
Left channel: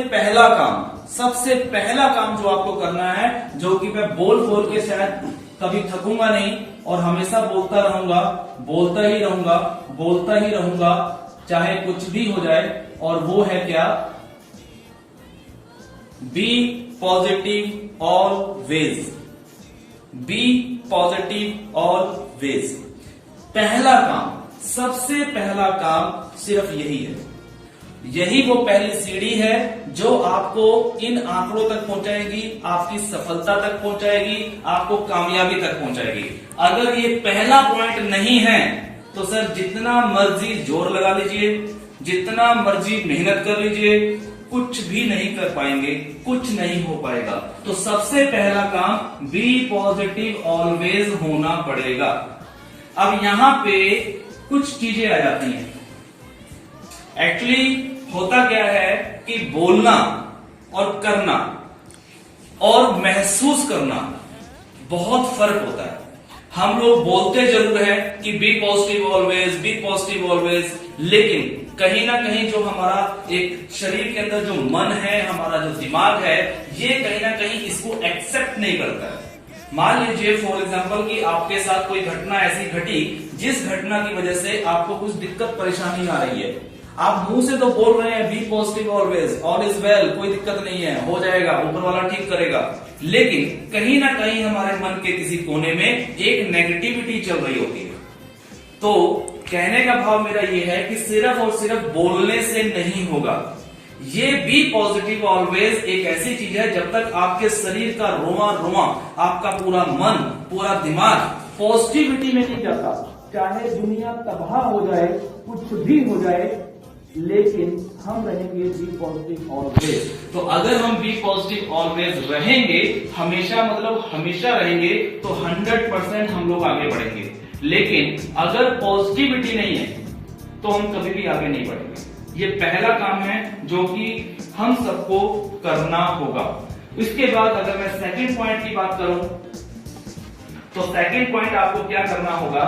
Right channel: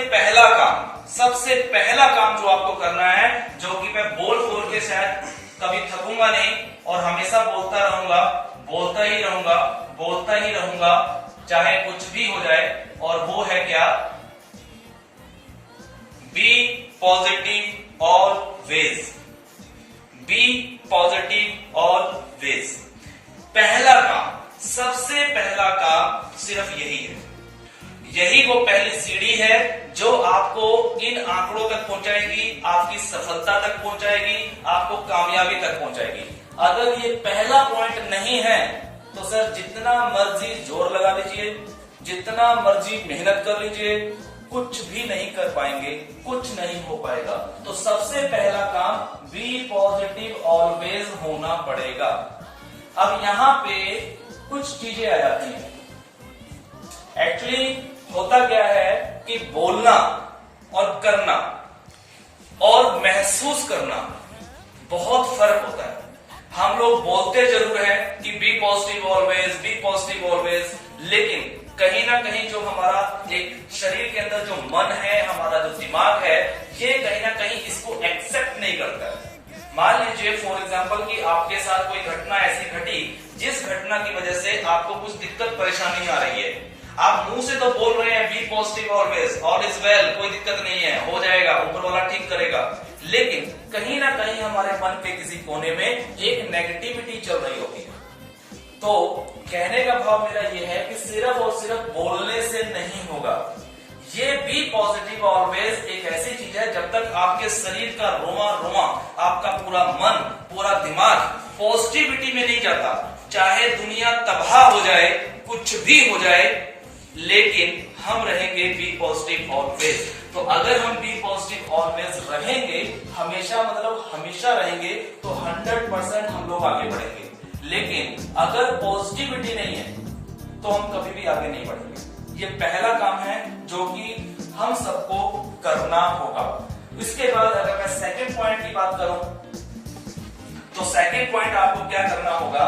पहला काम जो आपको करना है, जो कि मैं बोल के शायद कभी थकूंगा नहीं और हमेशा बोलता ही रहूंगा चाहे कुछ भी हो जाए, और वो है क्या? Be positive always. Be positive always. पहला काम, सबसे पहला काम सिर्फ यही है। यही वो पहली सीढ़ी है जो आपको इन आंकड़ों तक पहुंचाएगी, आपकी सफलता तक पहुंचाएगी, आपको कामयाबी तक पहुंचाएगी। अगर ये पहला पॉइंट नहीं है तो सर जितना मर्जी जोर लगा लीजिए, जितना मर्जी मेहनत कर लीजिए, कुछ भी नहीं कर पाएंगे, कुछ नहीं हो पाएगा। तो सबसे पहला काम बी पॉजिटिव ऑलवेज होना पड़ेगा। अब यहां पे कुछ चीजें आ जाती हैं। एक्चुअली होता क्या है कि बोलना और करना और महसूस करना बहुत फर्क होता है। हम लोग बोलते जरूर है कि बी पॉजिटिव ऑलवेज, लेकिन कहीं ना कहीं जो हमारा एक शरीर के अंदर जो मन है, हमारा जो दिमाग है, ये कहीं ना कहीं इसको एक्सेप्ट नहीं करता है। मान लीजिए फॉर एग्जांपल कि आपके साथ कोई घटना ऐसी घटी जिस घटना की वजह से आपको कुछ दिक्कत परेशानी आ रही है। आप मुंह से तो बोल रहे हैं be positive always, all is well, कोई दिक्कत नहीं है, हो जाएगा, ऊपर वाला ठीक करेगा, लेकिन कहीं ना कहीं हमारे मन के किसी कोने में एक नेगेटिविटी चल रही होती है। तो कहने का भाव मेरा ये है कि सिर्फ और सिर्फ बोलने से नहीं होगा। ये बी पॉजिटिव ऑलवेज एक ऐसी चीज है, जब तक आपके शरीर का रोमा रोमा, आपका पूरा मन, पूरा दिमाग पॉजिटिविटी में नहीं जाता, चाहे दुनिया तबाह हो जाए, कुछ भी हो जाए, लेकिन हम रहेंगे बी पॉजिटिव ऑलवेज। तो अगर हम बी पॉजिटिव ऑलवेज रहेंगे, हमेशा मतलब हमेशा रहेंगे, तो 100% हम लोग आगे बढ़ेंगे। लेकिन अगर पॉजिटिविटी नहीं है तो हम कभी भी आगे नहीं बढ़ेंगे। ये पहला काम है जो कि हम सबको करना होगा। इसके बाद अगर मैं सेकंड पॉइंट की बात करूं तो सेकंड पॉइंट आपको क्या करना होगा।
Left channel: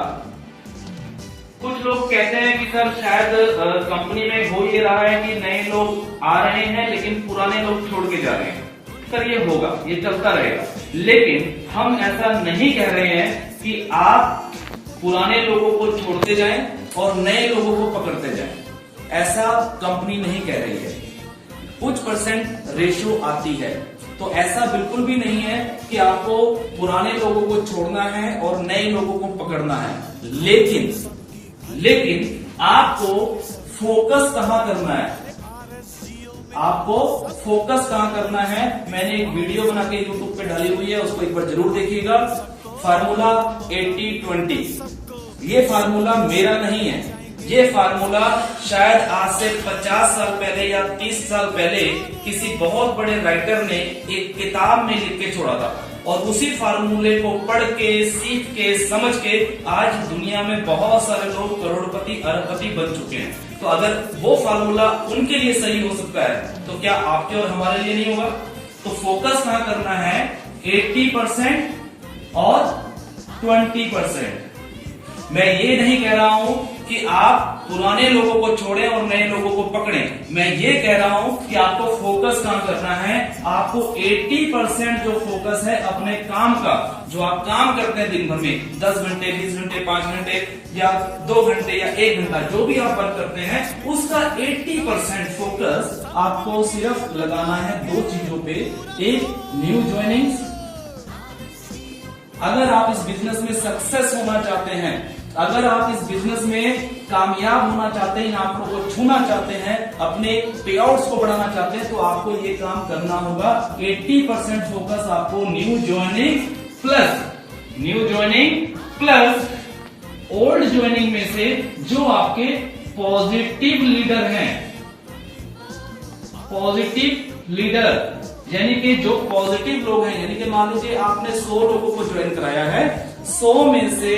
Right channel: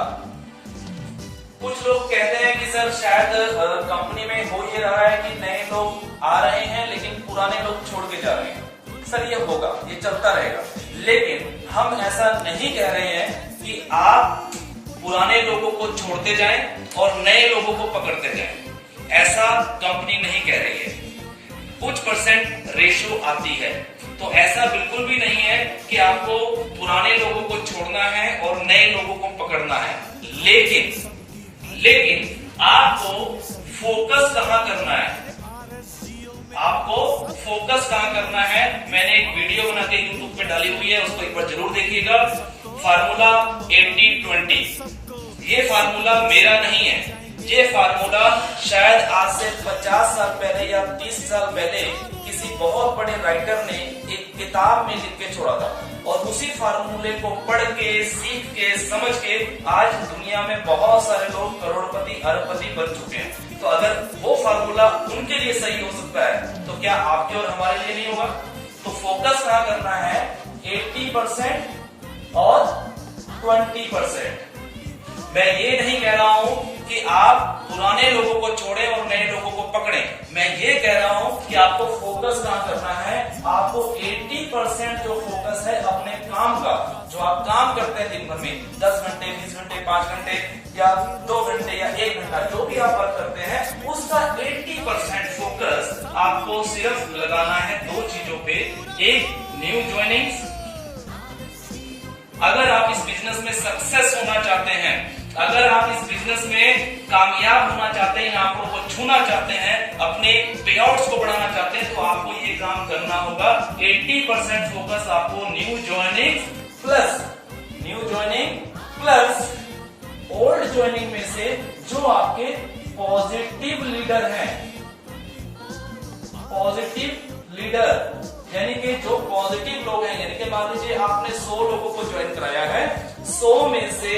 कुछ लोग कहते हैं कि सर शायद कंपनी में हो ये रहा है कि नए लोग आ रहे हैं लेकिन पुराने लोग छोड़ के जा रहे हैं। सर ये होगा, ये चलता रहेगा, लेकिन हम ऐसा नहीं कह रहे हैं कि आप पुराने लोगों को छोड़ते जाएं और नए लोगों को पकड़ते जाएं। ऐसा कंपनी नहीं कह रही है। कुछ परसेंट रेशो आती है, तो ऐसा बिल्कुल भी नहीं है कि आपको पुराने लोगों को छोड़ना है और नए लोगों को पकड़ना है। लेकिन आपको फोकस कहां करना है, आपको फोकस कहां करना है। मैंने एक वीडियो बना के यूट्यूब पे डाली हुई है, उसको एक बार जरूर देखिएगा। फार्मूला 80-20, ये फार्मूला मेरा नहीं है, ये फार्मूला शायद आज से 50 साल पहले या 30 साल पहले किसी बहुत बड़े राइटर ने एक किताब में लिख के छोड़ा था, और उसी फार्मूले को पढ़ के, सीख के, समझ के आज दुनिया में बहुत सारे लोग करोड़पति, अरबपति बन चुके हैं। तो अगर वो फार्मूला उनके लिए सही हो सकता है तो क्या आपके और हमारे लिए नहीं होगा? तो फोकस कहाँ करना है? 80% और 20%। मैं ये नहीं कह रहा हूं कि आप पुराने लोगों को छोड़ें और नए लोगों को पकड़ें। मैं ये कह रहा हूं कि आपको फोकस कहाँ करना है? आपको 80% जो फोकस है अपने काम का, जो आप काम करते हैं दिन भर में 10 घंटे, 20 घंटे, 5 घंटे या 2 घंटे या 1 घंटा, जो भी आप वर्क करते हैं, उसका 80% फोकस आपको सिर्फ लगाना है 2 चीजों पे। एक, न्यू ज्वाइनिंग्स। अगर आप इस बिजनेस में सक्सेस होना चाहते हैं, अगर आप इस बिजनेस में कामयाब होना चाहते हैं, आंकड़ों को छूना चाहते हैं, अपने पेआउट्स को बढ़ाना चाहते हैं, तो आपको ये काम करना होगा। 80% फोकस आपको new joining plus old joining में से जो आपके पॉजिटिव लीडर हैं, पॉजिटिव लीडर यानी कि जो पॉजिटिव लोग हैं, यानी कि मान लीजिए आपने 100 लोगों को ज्वाइन कराया है, 100 में से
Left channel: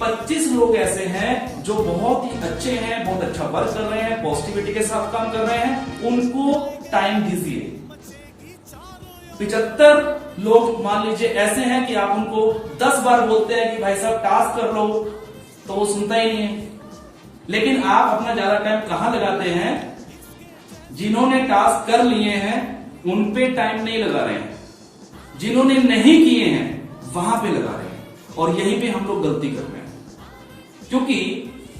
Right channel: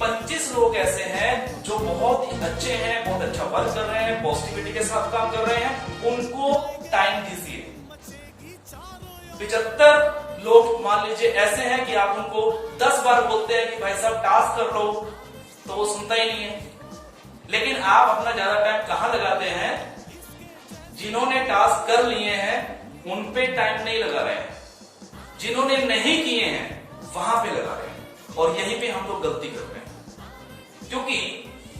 25 लोग ऐसे हैं जो बहुत ही अच्छे हैं, बहुत अच्छा वर्क कर रहे हैं, पॉजिटिविटी के साथ काम कर रहे हैं, उनको टाइम दीजिए। 75 लोग मान लीजिए ऐसे हैं कि आप उनको 10 बार बोलते हैं कि भाई साहब टास्क कर लो, तो वो सुनता ही नहीं है। लेकिन आप अपना ज्यादा टाइम कहां लगाते हैं? जिन्होंने टास्क कर लिए हैं उन पे टाइम नहीं लगा रहे हैं, जिन्होंने नहीं किए हैं वहां पे लगा रहे हैं, और यहीं पे हम लोग गलती कर रहे हैं। क्योंकि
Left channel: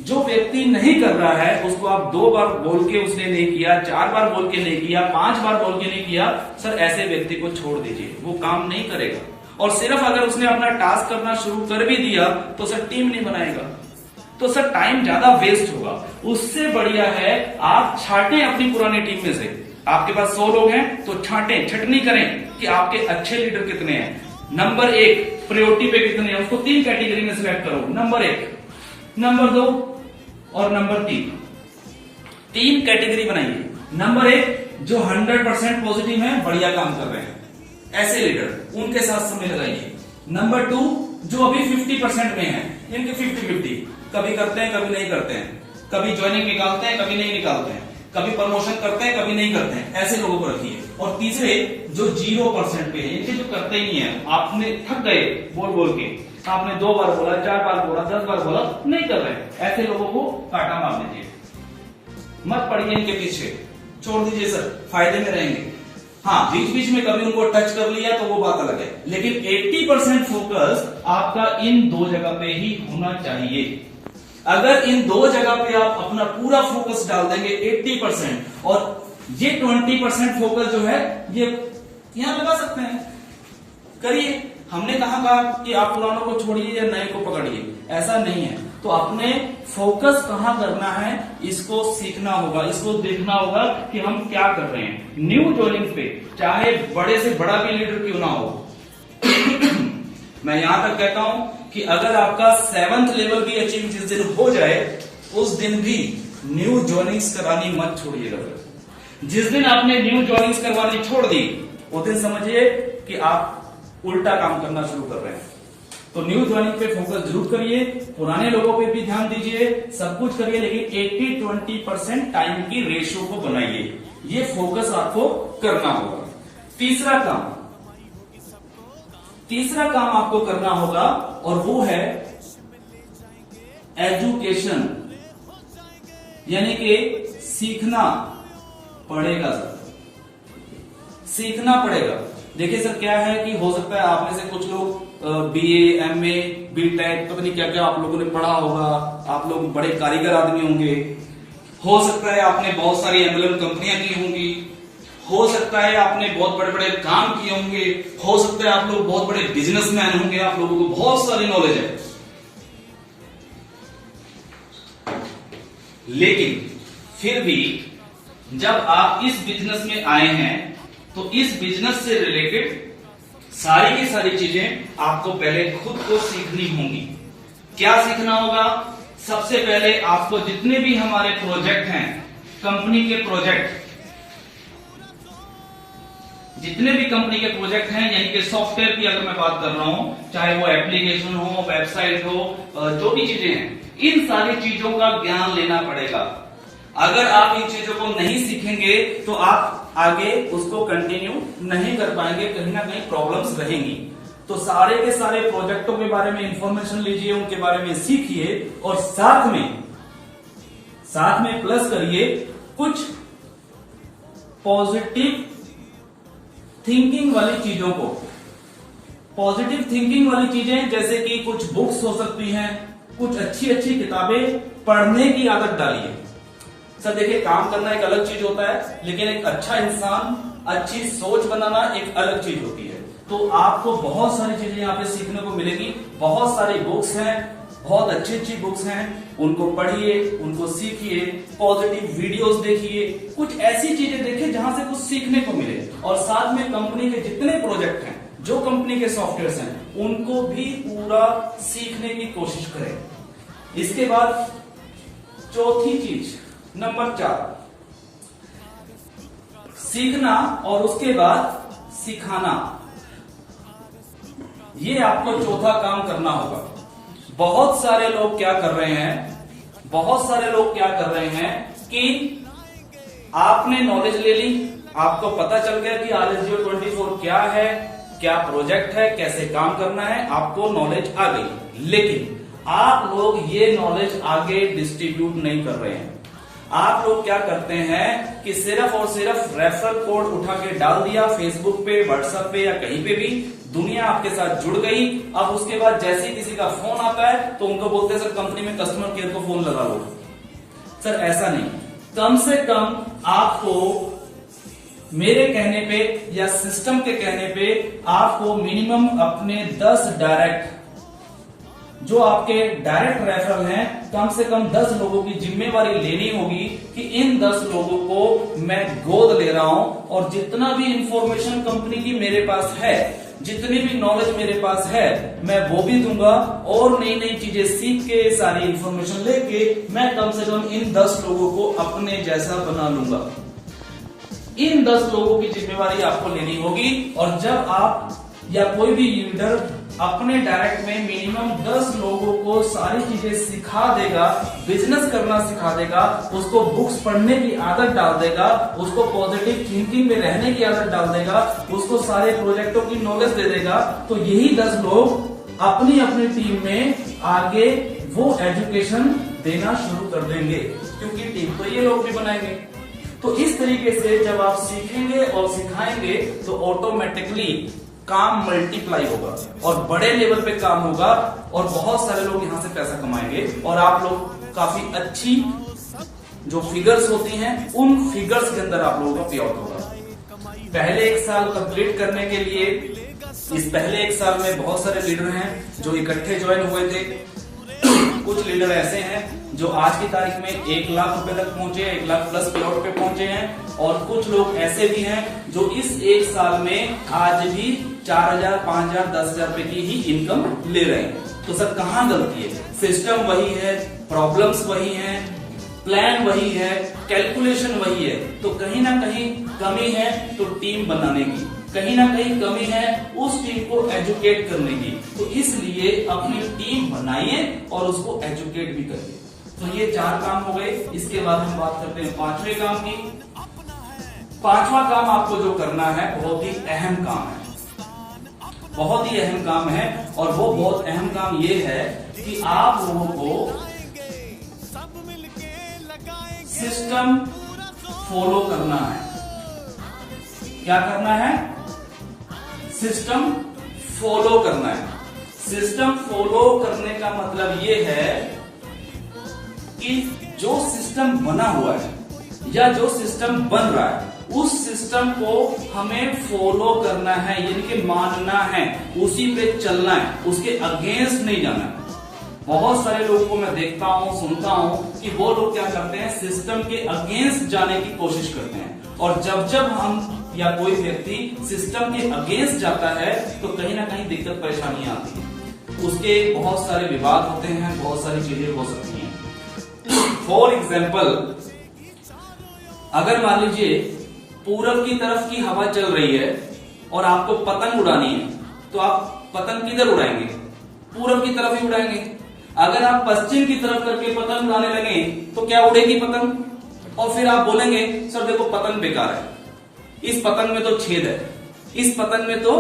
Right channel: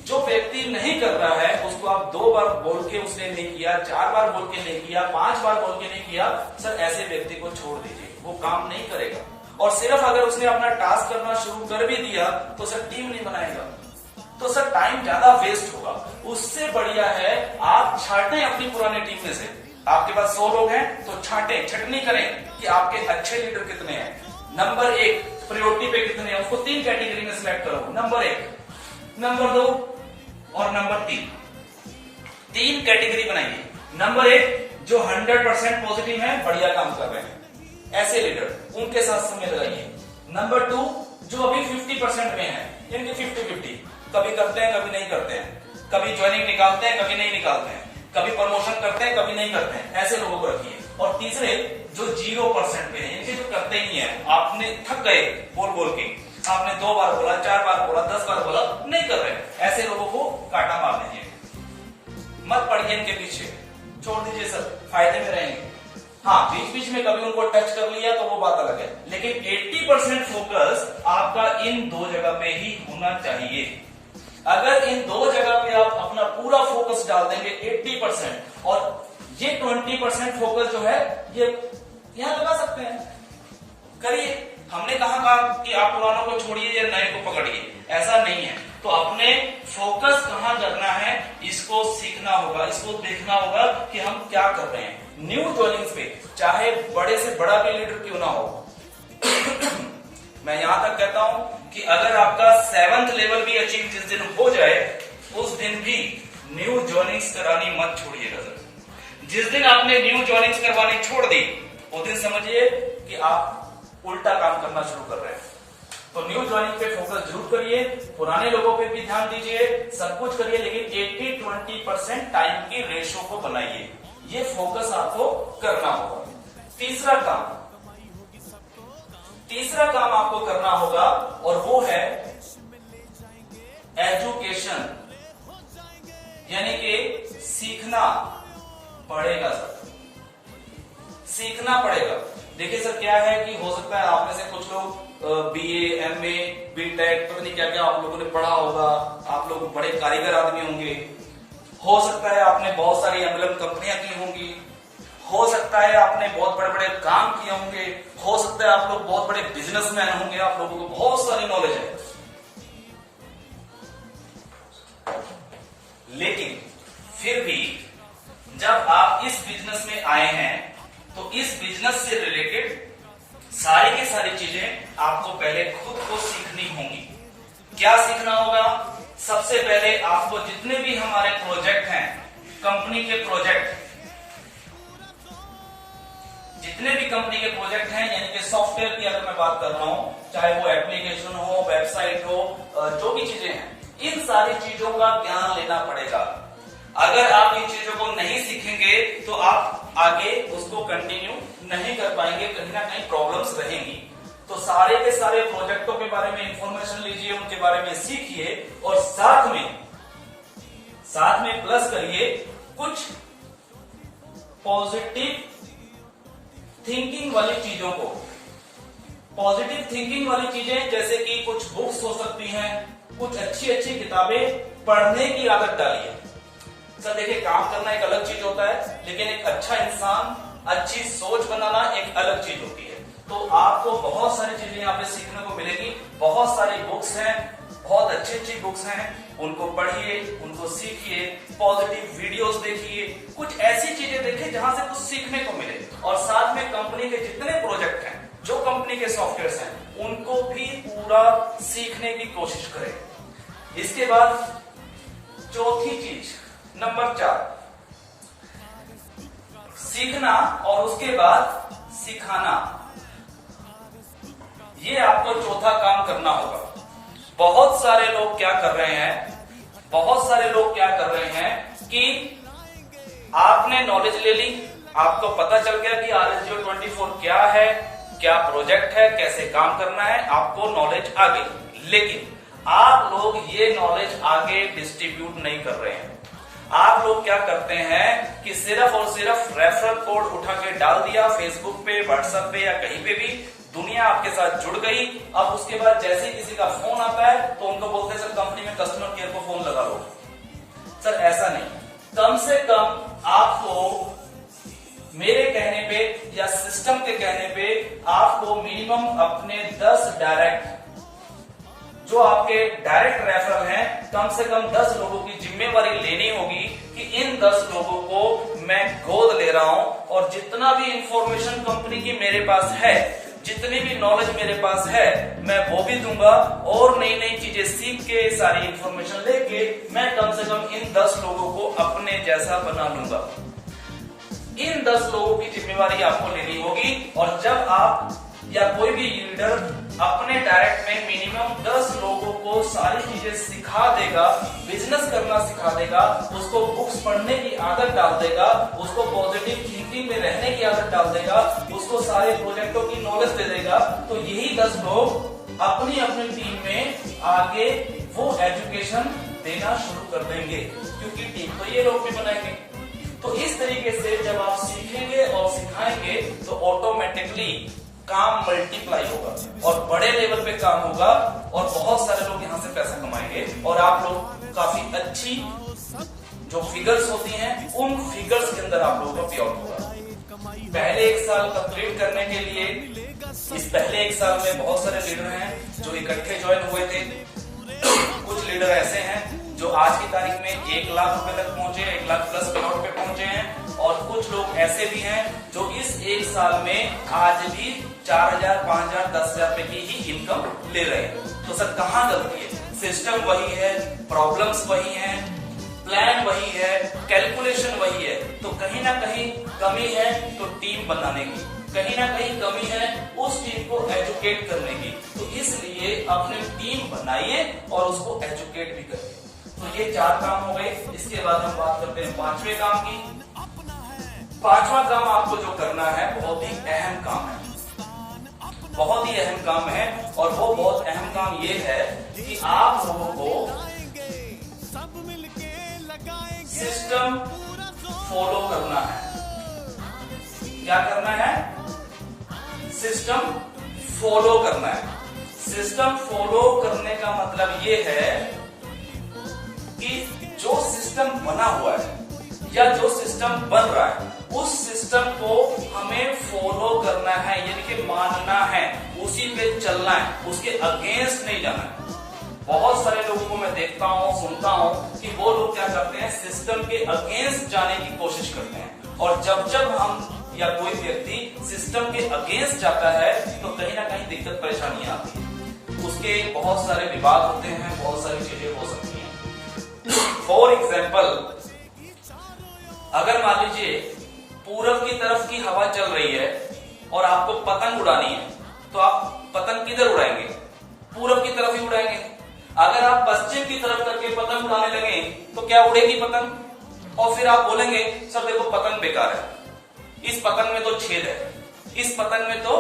जो व्यक्ति नहीं कर रहा है उसको आप 2 बार बोल के उसने नहीं किया, 4 बार बोल के नहीं किया, 5 बार बोल के नहीं किया, सर ऐसे व्यक्ति को छोड़ दीजिए, वो काम नहीं करेगा। और सिर्फ अगर उसने अपना टास्क करना शुरू कर भी दिया तो सर टीम नहीं बनाएगा, तो सर टाइम ज्यादा वेस्ट होगा। उससे बढ़िया है आप छांटें अपनी पुरानी टीम में से। आपके पास 100 लोग हैं तो छांटें, छटनी करें कि आपके अच्छे लीडर कितने हैं। नंबर 1 प्रायोरिटी पे कितने हैं, उसको 3 कैटेगरी में सिलेक्ट करो। नंबर 1, नंबर 2 और नंबर 3। 3 कैटेगरी बनाइए। नंबर 1 जो 100% पॉजिटिव हैं, बढ़िया काम कर रहे हैं, ऐसे लीडर, उनके साथ समय लगाइए। नंबर 2 जो अभी 50% में है, इनके 50-50, कभी करते हैं कभी नहीं करते हैं, कभी ज्वाइनिंग निकालते हैं कभी नहीं निकालते हैं, कभी प्रमोशन करते हैं कभी नहीं करते हैं, ऐसे लोगों को रखिए। और तीसरे जो 0% पे हैं, इनके जो करते ही नहीं है, आपने थक गए बोल बोल के, आपने 2 बार बोला, 4 बार बोला, 10 बार बोला, नहीं कर रहे, ऐसे लोगों को काटा मार दीजिए, मत पड़िए इनके पीछे, छोड़ दीजिए सर, फायदे में रहेंगे। हाँ, बीच बीच में कभी उनको टच कर लिया तो वो बात अलग है, लेकिन 80% फोकस आपका इन 2 जगह पे ही होना चाहिए। अगर इन 2 जगह पे आप अपना पूरा फोकस डाल देंगे 80%, और ये 20% फोकस जो है ये यहां लगा सकते हैं, करिए। हमने कहा कि आप पुरानों को छोड़िए या नए को पकड़िए, ऐसा नहीं है। तो अपने फोकस कहां करना है इसको सीखना होगा, इसको देखना होगा कि हम क्या कर रहे हैं। न्यू ज्वाइनिंग्स पे चाहे बड़े से बड़ा भी लीडर क्यों ना हो मैं यहां तक कहता हूं कि अगर आपका 7th लेवल भी अचीव जिस दिन हो जाए, उस दिन भी न्यू ज्वाइनिंग्स करानी मत छोड़िएगा सर। जिस दिन आपने न्यू ज्वाइनिंग्स करवानी छोड़ दी, उस दिन समझिए कि आप उल्टा काम करना शुरू कर रहे हैं। तो न्यू ज्वाइनिंग पे फोकस जरूर करिए, पुराने लोगों पे भी ध्यान दीजिए, सब कुछ करिए, लेकिन 80-20% टाइम की रेशियो को बनाइए, ये फोकस आपको करना होगा। तीसरा काम आपको करना होगा, और वो है एजुकेशन, यानी कि सीखना पड़ेगा सर, सीखना पड़ेगा। देखिए सर क्या है कि हो सकता है आप में से कुछ लोग BA, MA, BTech, पता नहीं क्या क्या आप लोगों ने पढ़ा होगा, आप लोग बड़े कारीगर आदमी होंगे, हो सकता है आपने बहुत सारी एम्बलम कंपनियां की होंगी, हो सकता है आपने बहुत बड़े बड़े काम किए होंगे, हो सकता है आप लोग बहुत बड़े बिजनेसमैन होंगे, आप लोगों को बहुत सारी नॉलेज है, लेकिन फिर भी जब आप इस बिजनेस में आए हैं तो इस बिजनेस से रिलेटेड सारी की सारी चीजें आपको पहले खुद को सीखनी होंगी। क्या सीखना होगा? सबसे पहले आपको जितने भी हमारे प्रोजेक्ट हैं, कंपनी के प्रोजेक्ट, जितने भी कंपनी के प्रोजेक्ट हैं, यानी कि सॉफ्टवेयर की अगर मैं बात कर रहा हूं, चाहे वो एप्लीकेशन हो, वेबसाइट हो, जो भी चीजें हैं, इन सारी चीजों का ज्ञान लेना पड़ेगा। अगर आप इन चीजों को नहीं सीखेंगे तो आप आगे उसको कंटिन्यू नहीं कर पाएंगे, कहीं ना कहीं प्रॉब्लम्स रहेंगी। तो सारे के सारे प्रोजेक्टों के बारे में इंफॉर्मेशन लीजिए, उनके बारे में सीखिए और साथ में प्लस करिए कुछ पॉजिटिव थिंकिंग वाली चीजों को। पॉजिटिव थिंकिंग वाली चीजें जैसे कि कुछ बुक्स हो सकती हैं, कुछ अच्छी अच्छी किताबें पढ़ने की आदत डालिए। सर देखिए, काम करना एक अलग चीज होता है, लेकिन एक अच्छा इंसान, अच्छी सोच बनाना एक अलग चीज होती है। तो आपको बहुत सारी चीजें यहाँ पे सीखने को मिलेगी। बहुत सारी बुक्स हैं, बहुत अच्छी अच्छी बुक्स हैं, उनको पढ़िए, उनको सीखिए, पॉजिटिव वीडियोस देखिए, कुछ ऐसी चीजें देखिए जहां से कुछ सीखने को मिले। और साथ में कंपनी के जितने प्रोजेक्ट हैं, जो कंपनी के सॉफ्टवेयर हैं, उनको भी पूरा सीखने की कोशिश करें। इसके बाद चौथी चीज, नंबर 4, सीखना और उसके बाद सिखाना। ये आपको चौथा काम करना होगा। बहुत सारे लोग क्या कर रहे हैं कि आपने नॉलेज ले ली, आपको पता चल गया कि RSGO24 क्या है, क्या प्रोजेक्ट है, कैसे काम करना है, आपको नॉलेज आ गई। लेकिन आप लोग ये नॉलेज आगे डिस्ट्रीब्यूट नहीं कर रहे हैं। आप लोग क्या करते हैं कि सिर्फ और सिर्फ रेफरल कोड उठा के डाल दिया फेसबुक पे, व्हाट्सएप पे या कहीं पे भी, दुनिया आपके साथ जुड़ गई। अब उसके बाद जैसे ही किसी का फोन आता है तो उनको बोलते हैं सर कंपनी में कस्टमर केयर को फोन लगा लो। सर ऐसा नहीं, कम से कम आपको मेरे कहने पे या सिस्टम के कहने पे आपको मिनिमम अपने 10 डायरेक्ट, जो आपके डायरेक्ट रेफरल हैं, कम से कम 10 लोगों की जिम्मेवारी लेनी होगी कि इन 10 लोगों को मैं गोद ले रहा हूं और जितना भी इंफॉर्मेशन कंपनी की मेरे पास है, जितनी भी नॉलेज मेरे पास है, मैं वो भी दूंगा और नई नई चीजें सीख के, सारी इंफॉर्मेशन लेके मैं कम से कम इन 10 लोगों को अपने जैसा बना लूंगा। इन 10 लोगों की जिम्मेवारी आपको लेनी होगी। और जब आप या कोई भी लीडर अपने डायरेक्ट में मिनिमम 10 लोगों को सारी चीजें सिखा देगा, बिजनेस करना सिखा देगा, उसको बुक्स पढ़ने की आदत डाल देगा, उसको पॉजिटिव थिंकिंग में रहने की आदत डाल देगा, उसको सारे प्रोजेक्टों की नॉलेज दे देगा, तो यही 10 लोग अपनी अपनी टीम में आगे वो एजुकेशन देना शुरू कर देंगे, क्योंकि टीम को ये लोग भी बनाएंगे। तो इस तरीके से जब आप सीखेंगे और सिखाएंगे तो ऑटोमेटिकली काम मल्टीप्लाई होगा और बड़े लेवल पे काम होगा और बहुत सारे लोग यहां से पैसा कमाएंगे और आप लोग काफी अच्छी जो फिगर्स होती हैं उन फिगर्स के अंदर आप लोगों का पे आउट होगा। पहले 1 साल कंप्लीट करने के लिए, इस पहले 1 साल में बहुत सारे लीडर हैं जो इकट्ठे ज्वाइन हुए थे। कुछ लीडर ऐसे हैं जो आज की तारीख में 1 लाख रुपए तक पहुंचे, 1 लाख प्लस करोड़ पे पहुंचे हैं, और कुछ लोग ऐसे भी हैं जो इस 1 साल में आज भी 4,000, 5,000, 10,000 रुपए की ही इनकम ले रहे हैं। तो सर कहां गलती है? सिस्टम वही है, प्रॉब्लम्स वही हैं, प्लान वही है, कैलकुलेशन वही है। तो कहीं ना कहीं कमी है तो टीम बनाने की, कहीं ना कहीं कमी है उस टीम को एजुकेट करने की। तो इसलिए अपनी टीम बनाइए और उसको एजुकेट भी करिए। तो ये 4 काम हो गए। इसके बाद हम बात करते हैं 5वें काम की। 5वां काम आपको जो करना है बहुत ही अहम काम है, बहुत ही अहम काम है। और वो बहुत अहम काम ये है कि आप लोगों को सिस्टम फॉलो करना है। क्या करना है? सिस्टम फॉलो करना है। सिस्टम फॉलो करने का मतलब ये है कि जो सिस्टम बना हुआ है या जो सिस्टम बन रहा है उस सिस्टम को हमें फॉलो करना है, यानी कि मानना है, उसी पे चलना है, उसके अगेंस्ट नहीं जाना है। बहुत सारे लोगों को मैं देखता हूं, सुनता हूं कि वो लोग क्या करते हैं, सिस्टम के अगेंस्ट जाने की कोशिश करते हैं। और जब हम या कोई व्यक्ति सिस्टम के अगेंस्ट जाता है तो कहीं ना कहीं दिक्कत परेशानी आती है, उसके बहुत सारे विवाद होते हैं, बहुत सारी चीजें हो सकती हैं। फॉर एग्जाम्पल, अगर मान लीजिए पूरब की तरफ की हवा चल रही है और आपको पतंग उड़ानी है, तो आप पतंग किधर उड़ाएंगे? पूरब की तरफ ही उड़ाएंगे। अगर आप पश्चिम की तरफ करके पतंग उड़ाने लगे तो क्या उड़ेगी पतंग? और फिर आप बोलेंगे सर देखो पतंग बेकार है, इस पतंग में तो छेद है, इस पतंग में तो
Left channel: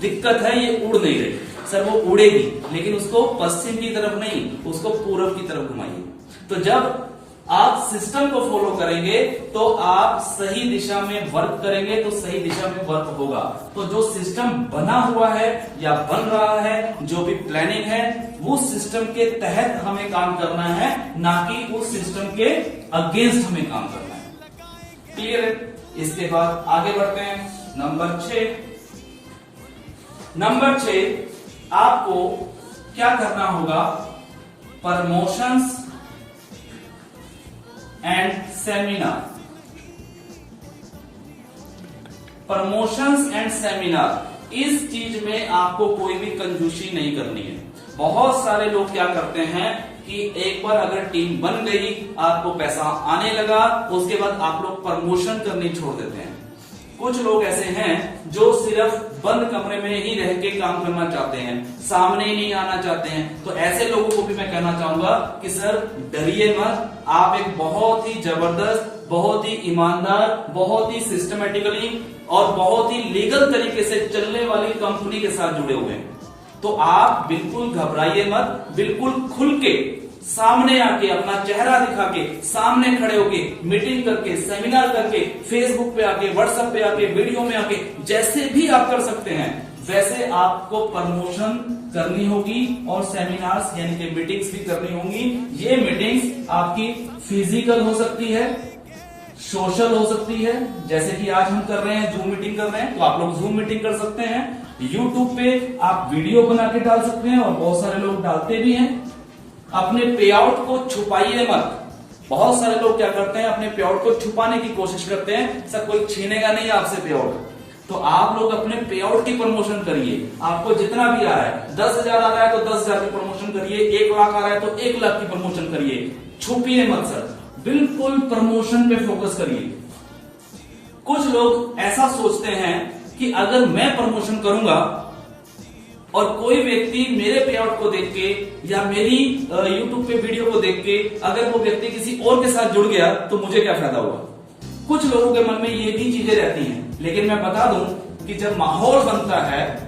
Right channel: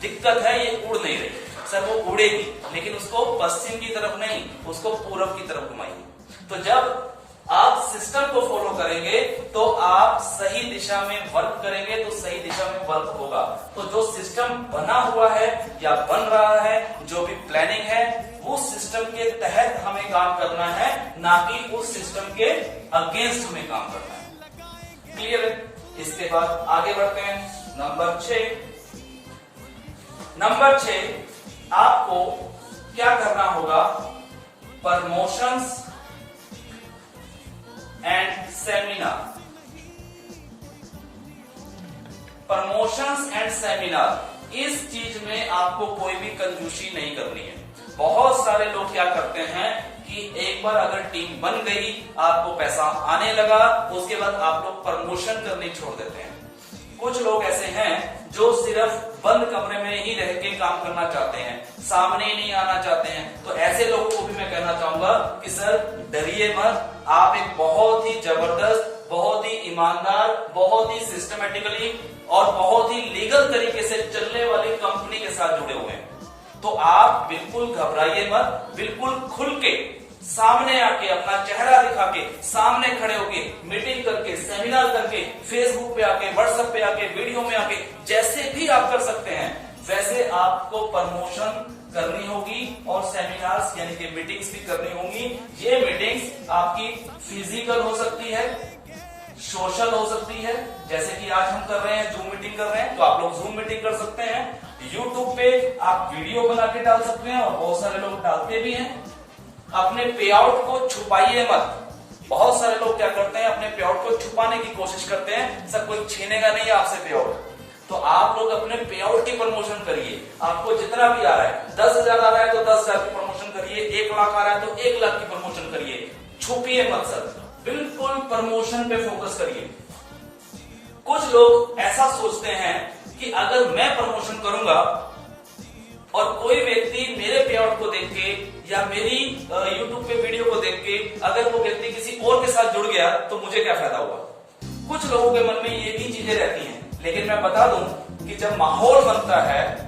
दिक्कत है, ये उड़ नहीं रही। सर वो उड़ेगी, लेकिन उसको पश्चिम की तरफ नहीं, उसको पूरब की तरफ घुमाइए। तो जब आप सिस्टम को फॉलो करेंगे तो आप सही दिशा में वर्क करेंगे, तो सही दिशा में वर्क होगा। तो जो सिस्टम बना हुआ है या बन रहा है, जो भी प्लानिंग है, वो सिस्टम के तहत हमें काम करना है, ना कि उस सिस्टम के अगेंस्ट हमें काम करना है। क्लियर है? इसके बाद आगे बढ़ते हैं। नंबर 6, आपको क्या करना होगा? Promotions and seminar. Promotions and seminar, इस चीज में आपको कोई भी कंजूसी नहीं करनी है। बहुत सारे लोग क्या करते हैं कि एक बार अगर टीम बन गई, आपको पैसा आने लगा, उसके बाद आप लोग प्रमोशन करनी छोड़ देते हैं। कुछ लोग ऐसे हैं जो सिर्फ बंद कमरे में ही रह के काम करना चाहते हैं, सामने ही नहीं आना चाहते हैं। तो ऐसे लोगों को भी मैं कहना चाहूंगा कि सर डरिए मत, आप एक बहुत ही जबरदस्त, बहुत ही ईमानदार, बहुत ही सिस्टमेटिकली और बहुत ही लीगल तरीके से चलने वाली कंपनी के साथ जुड़े हुए हैं। तो आप बिल्कुल घबराइए मत, बिल्कुल खुल के सामने आके अपना चेहरा दिखा के, सामने खड़े होके मीटिंग करके, सेमिनार करके, फेसबुक पे आके, व्हाट्सएप पे आके, वीडियो में आके, जैसे भी आप कर सकते हैं वैसे आपको प्रमोशन करनी होगी और सेमिनार्स यानी कि मीटिंग्स भी करनी होंगी। ये मीटिंग्स आपकी फिजिकल हो सकती है, सोशल हो सकती है, जैसे कि आज हम कर रहे हैं, जूम मीटिंग कर रहे हैं, तो आप लोग जूम मीटिंग कर सकते हैं। यूट्यूब पे आप वीडियो बना के डाल सकते हैं और बहुत सारे लोग डालते भी हैं। अपने पे आउट को छुपाइए मत। बहुत सारे लोग क्या करते हैं, अपने पे आउट को छुपाने की कोशिश करते हैं, सर कोई छीनेगा नहीं आपसे पे आउट। तो आप लोग अपने पे आउट की प्रमोशन करिए। आपको जितना भी आ रहा है, 10,000 आ रहा है तो 10,000 की प्रमोशन करिए, 1 लाख आ रहा है तो 1 लाख की प्रमोशन करिए। छुपिए मत सर, बिल्कुल प्रमोशन पे फोकस करिए। कुछ लोग ऐसा सोचते हैं कि अगर मैं प्रमोशन करूंगा और कोई व्यक्ति मेरे पे आउट को देख के या मेरी यूट्यूब पे वीडियो को देख के अगर वो व्यक्ति किसी और के साथ जुड़ गया तो मुझे क्या फायदा हुआ? कुछ लोगों के मन में ये भी चीजें रहती हैं। लेकिन मैं बता दूं कि जब माहौल बनता है,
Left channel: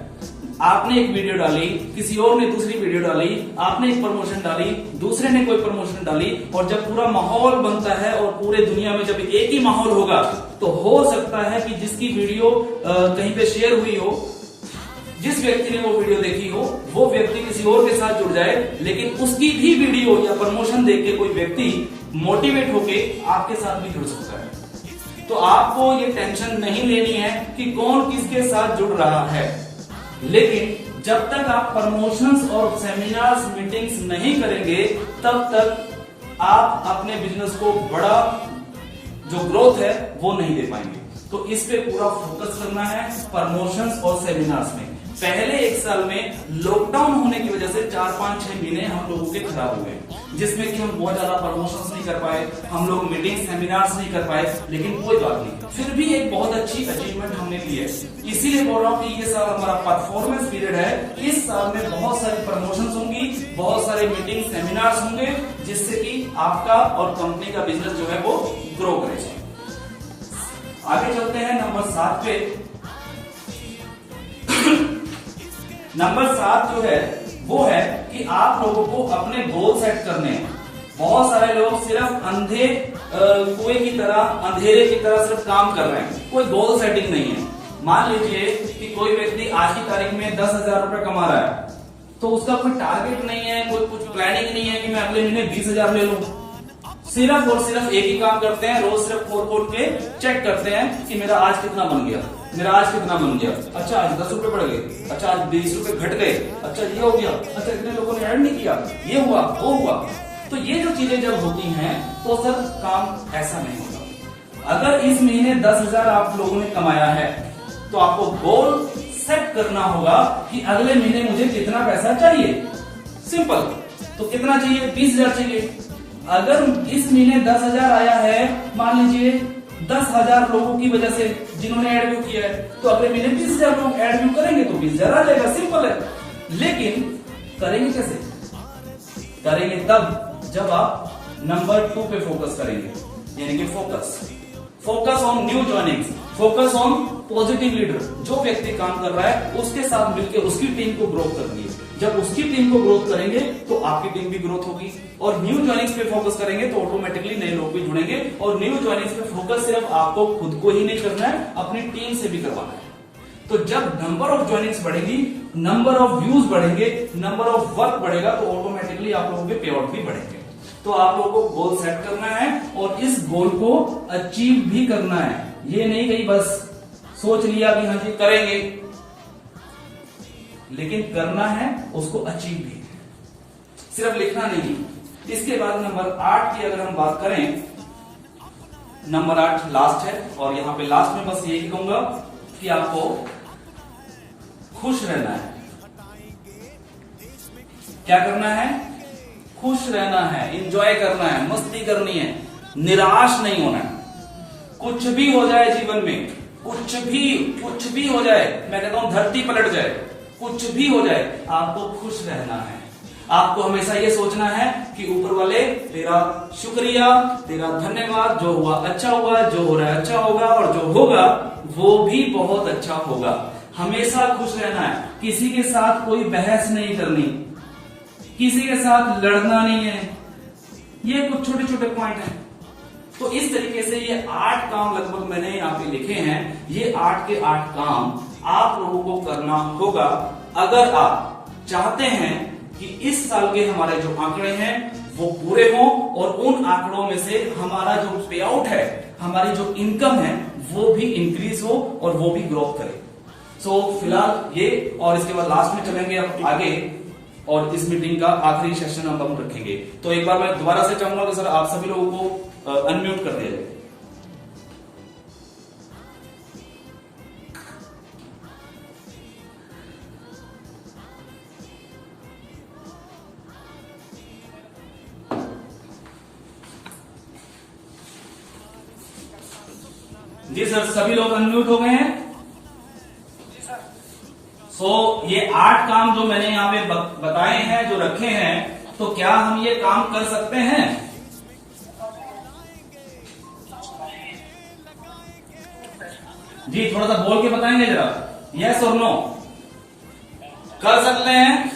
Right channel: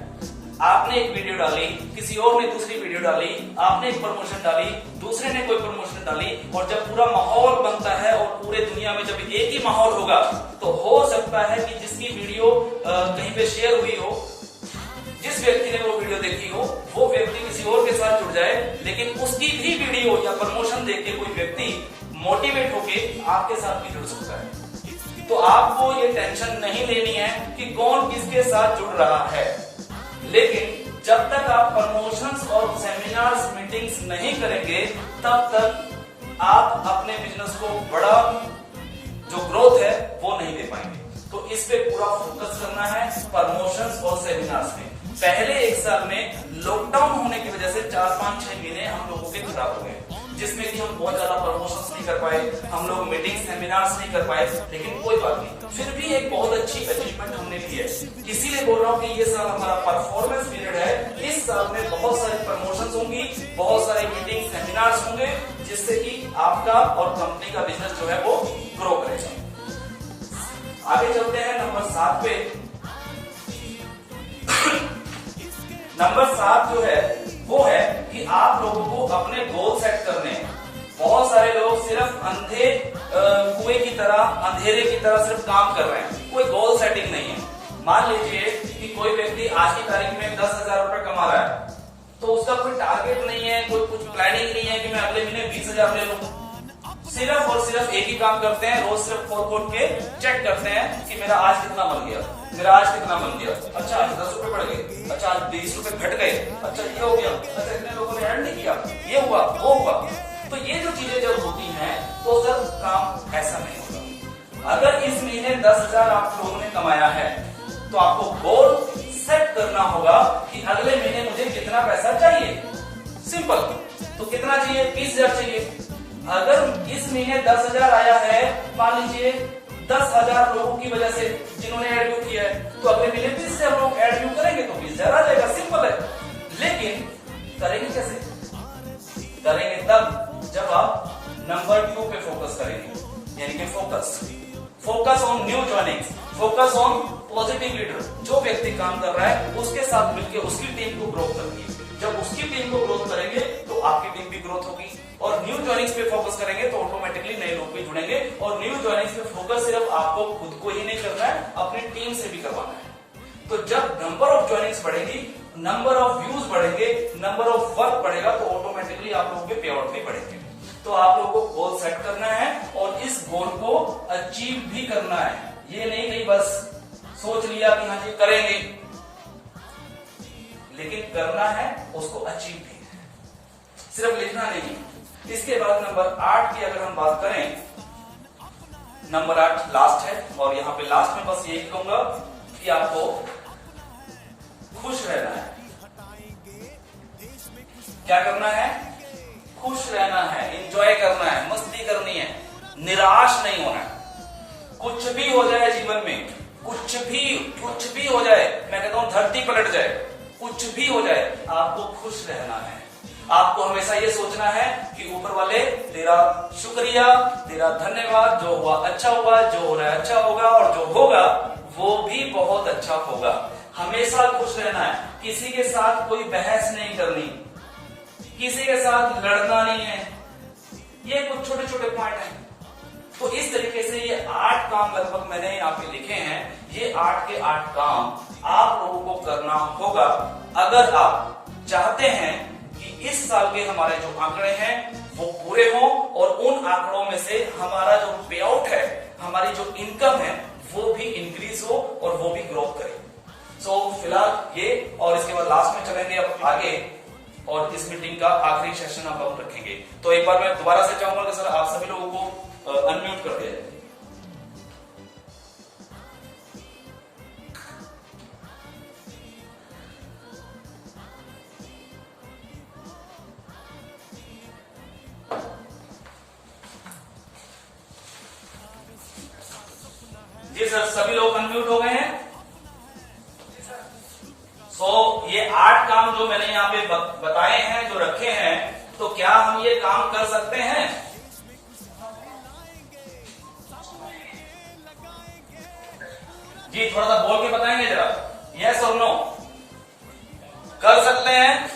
आपने एक वीडियो डाली, किसी और ने दूसरी वीडियो डाली, आपने एक प्रमोशन डाली, दूसरे ने कोई प्रमोशन डाली, और जब पूरा माहौल बनता है और पूरे दुनिया में जब एक ही माहौल होगा तो हो सकता है कि जिसकी वीडियो कहीं पे शेयर हुई हो, जिस व्यक्ति ने वो वीडियो देखी हो, वो व्यक्ति किसी और के साथ जुड़ जाए, लेकिन उसकी भी वीडियो या प्रमोशन देख के कोई व्यक्ति मोटिवेट होके आपके साथ भी जुड़ सकता है। तो आपको ये टेंशन नहीं लेनी है कि कौन किसके साथ जुड़ रहा है। लेकिन जब तक आप प्रमोशंस और सेमिनार्स, मीटिंग्स नहीं करेंगे, तब तक आप अपने बिजनेस को बड़ा जो ग्रोथ है वो नहीं दे पाएंगे। तो इस पे पूरा फोकस करना है प्रमोशंस और सेमिनार्स में। पहले 1 साल में लॉकडाउन होने की वजह से 4-5-6 महीने हम लोगों के खराब हो गए, जिसमें कि हम बहुत ज्यादा प्रमोशंस नहीं कर पाए, हम लोग मीटिंग सेमिनार्स नहीं कर पाए। लेकिन कोई बात नहीं, फिर भी एक बहुत अच्छी अचीवमेंट हमने की है। इसीलिए बोल रहा हूँ कि ये साल हमारा परफॉर्मेंस पीरियड है। इस साल में बहुत सारी प्रमोशंस होंगी, बहुत सारे मीटिंग सेमिनार्स होंगे, जिससे कि आपका और कंपनी का बिजनेस जो है वो ग्रो करेगा। आगे चलते हैं नंबर 7 पे। नंबर 7 जो है वो है कि आप लोगों को अपने गोल सेट करने हैं। बहुत सारे लोग सिर्फ अंधे कुएं की तरह, अंधेरे की तरह सिर्फ काम कर रहे हैं, कोई गोल सेटिंग नहीं है। मान लीजिए कि कोई व्यक्ति आज की तारीख में 10,000 रुपए कमा रहा है, तो उसका कोई टारगेट नहीं है, कोई कुछ प्लानिंग नहीं है कि मैं अगले महीने 20,000 ले लूं। सिर्फ और सिर्फ एक ही काम करते हैं, रोज सिर्फ खोद के चेक करते हैं कि मेरा आज कितना बन गया, मेरा आज कितना बन गया, अच्छा आज 10 रुपए बढ़ गए, अच्छा आज 20 रुपए घट गए, अच्छा ये हो गया, अच्छा इतने लोगों ने ऐड नहीं किया, ये हुआ वो हुआ। तो ये जो चीजें जब होती हैं तो सर काम ऐसा नहीं होता। अगर इस महीने 10,000 आप लोगों ने कमाया है तो आपको गोल सेट करना होगा कि अगले महीने मुझे कितना पैसा चाहिए। सिंपल। तो कितना चाहिए? 20,000 चाहिए। अगर इस महीने 10,000 आया है, मान लीजिए 10,000 लोगों की वजह से जिन्होंने एड व्यू किया है, तो अगले महीने 20,000 लोग एड व्यू करेंगे तो 20,000 आ जाएगा, सिंपल है। लेकिन करेंगे कैसे? करेंगे तब जब आप नंबर 2 पे फोकस करेंगे, यानी कि focus on new joinings, focus on positive leader. जो व्यक्ति काम कर रहा है उसके साथ मिलकर उसकी टीम को ग्रोथ करनी है। जब उसकी टीम को ग्रोथ करेंगे तो आपकी टीम भी ग्रोथ होगी। और न्यू ज्वाइनिंग्स पे फोकस करेंगे तो ऑटोमेटिकली नए लोग भी जुड़ेंगे। और न्यू ज्वाइनिंग्स पे फोकस सिर्फ आपको खुद को ही नहीं करना है, अपनी टीम से भी करवाना है। तो जब नंबर ऑफ ज्वाइनिंग्स बढ़ेगी, नंबर ऑफ व्यूज बढ़ेंगे, नंबर ऑफ वर्क बढ़ेगा, तो ऑटोमेटिकली आप लोगों के पे आउट भी बढ़ेंगे। तो आप लोगों को गोल सेट करना है और इस गोल को अचीव भी करना है। ये नहीं कहीं बस सोच लिया कि हाँ जी करेंगे, लेकिन करना है, उसको अचीव भी है, सिर्फ लिखना नहीं। इसके बाद नंबर 8 की अगर हम बात करें, नंबर 8 लास्ट है और यहां पे लास्ट में बस यही कहूंगा कि आपको खुश रहना है। क्या करना है? खुश रहना है, एंजॉय करना है, मस्ती करनी है, निराश नहीं होना है। कुछ भी हो जाए जीवन में, कुछ भी हो जाए, मैं कहता हूं धरती पलट जाए, कुछ भी हो जाए, आपको खुश रहना है। आपको हमेशा ये सोचना है कि ऊपर वाले तेरा शुक्रिया, तेरा धन्यवाद, जो हुआ अच्छा हुआ, जो हो रहा है अच्छा होगा, और जो होगा वो भी बहुत अच्छा होगा। हमेशा खुश रहना है, किसी के साथ कोई बहस नहीं करनी, किसी के साथ लड़ना नहीं है। ये कुछ छोटे छोटे पॉइंट हैं। तो इस तरीके से ये 8 काम लगभग मैंने यहाँ पे लिखे हैं। ये 8 के 8 काम आप लोगों को करना होगा अगर आप चाहते हैं कि इस साल के हमारे जो आंकड़े हैं वो पूरे हों और उन आंकड़ों में से हमारा जो पे आउट है, हमारी जो इनकम है वो भी इंक्रीज हो और वो भी ग्रोथ करे। सो फिलहाल ये, और इसके बाद लास्ट में चलेंगे अब आगे और इस मीटिंग का आखिरी सेशन अब हम रखेंगे। तो एक बार मैं दोबारा से चाहूंगा कि सर आप सभी लोगों को अनम्यूट कर दिया जाए। जी सर, सभी लोग अनम्यूट हो गए हैं। ये 8 काम जो मैंने यहाँ पे बताए हैं, जो रखे हैं, तो क्या हम ये काम कर सकते हैं? जी थोड़ा सा बोल के बताएंगे जरा, यस और नो, कर सकते हैं?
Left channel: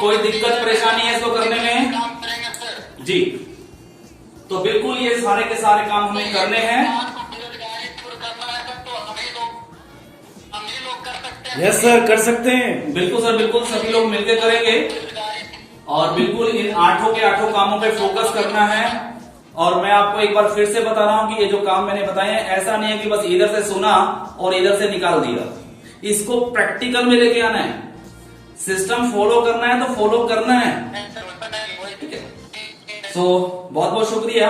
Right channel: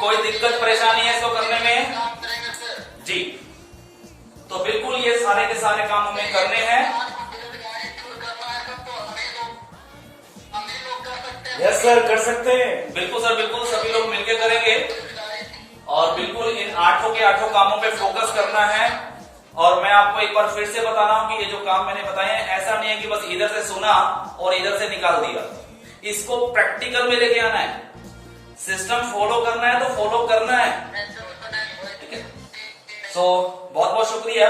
कोई दिक्कत परेशानी है इसको करने में? जी, तो बिल्कुल ये सारे के सारे काम हमें करने हैं। यस सर, कर सकते हैं। बिल्कुल सर, बिल्कुल सभी लोग मिलकर करेंगे और बिल्कुल इन 8 के 8 कामों पे फोकस करना है। और मैं आपको एक बार फिर से बता रहा हूं कि ये जो काम मैंने बताए हैं, ऐसा नहीं है कि बस इधर से सुना और इधर से निकाल दिया। इसको प्रैक्टिकल में लेके आना है, सिस्टम फॉलो करना है तो फॉलो करना है। ठीक है, सो बहुत बहुत शुक्रिया।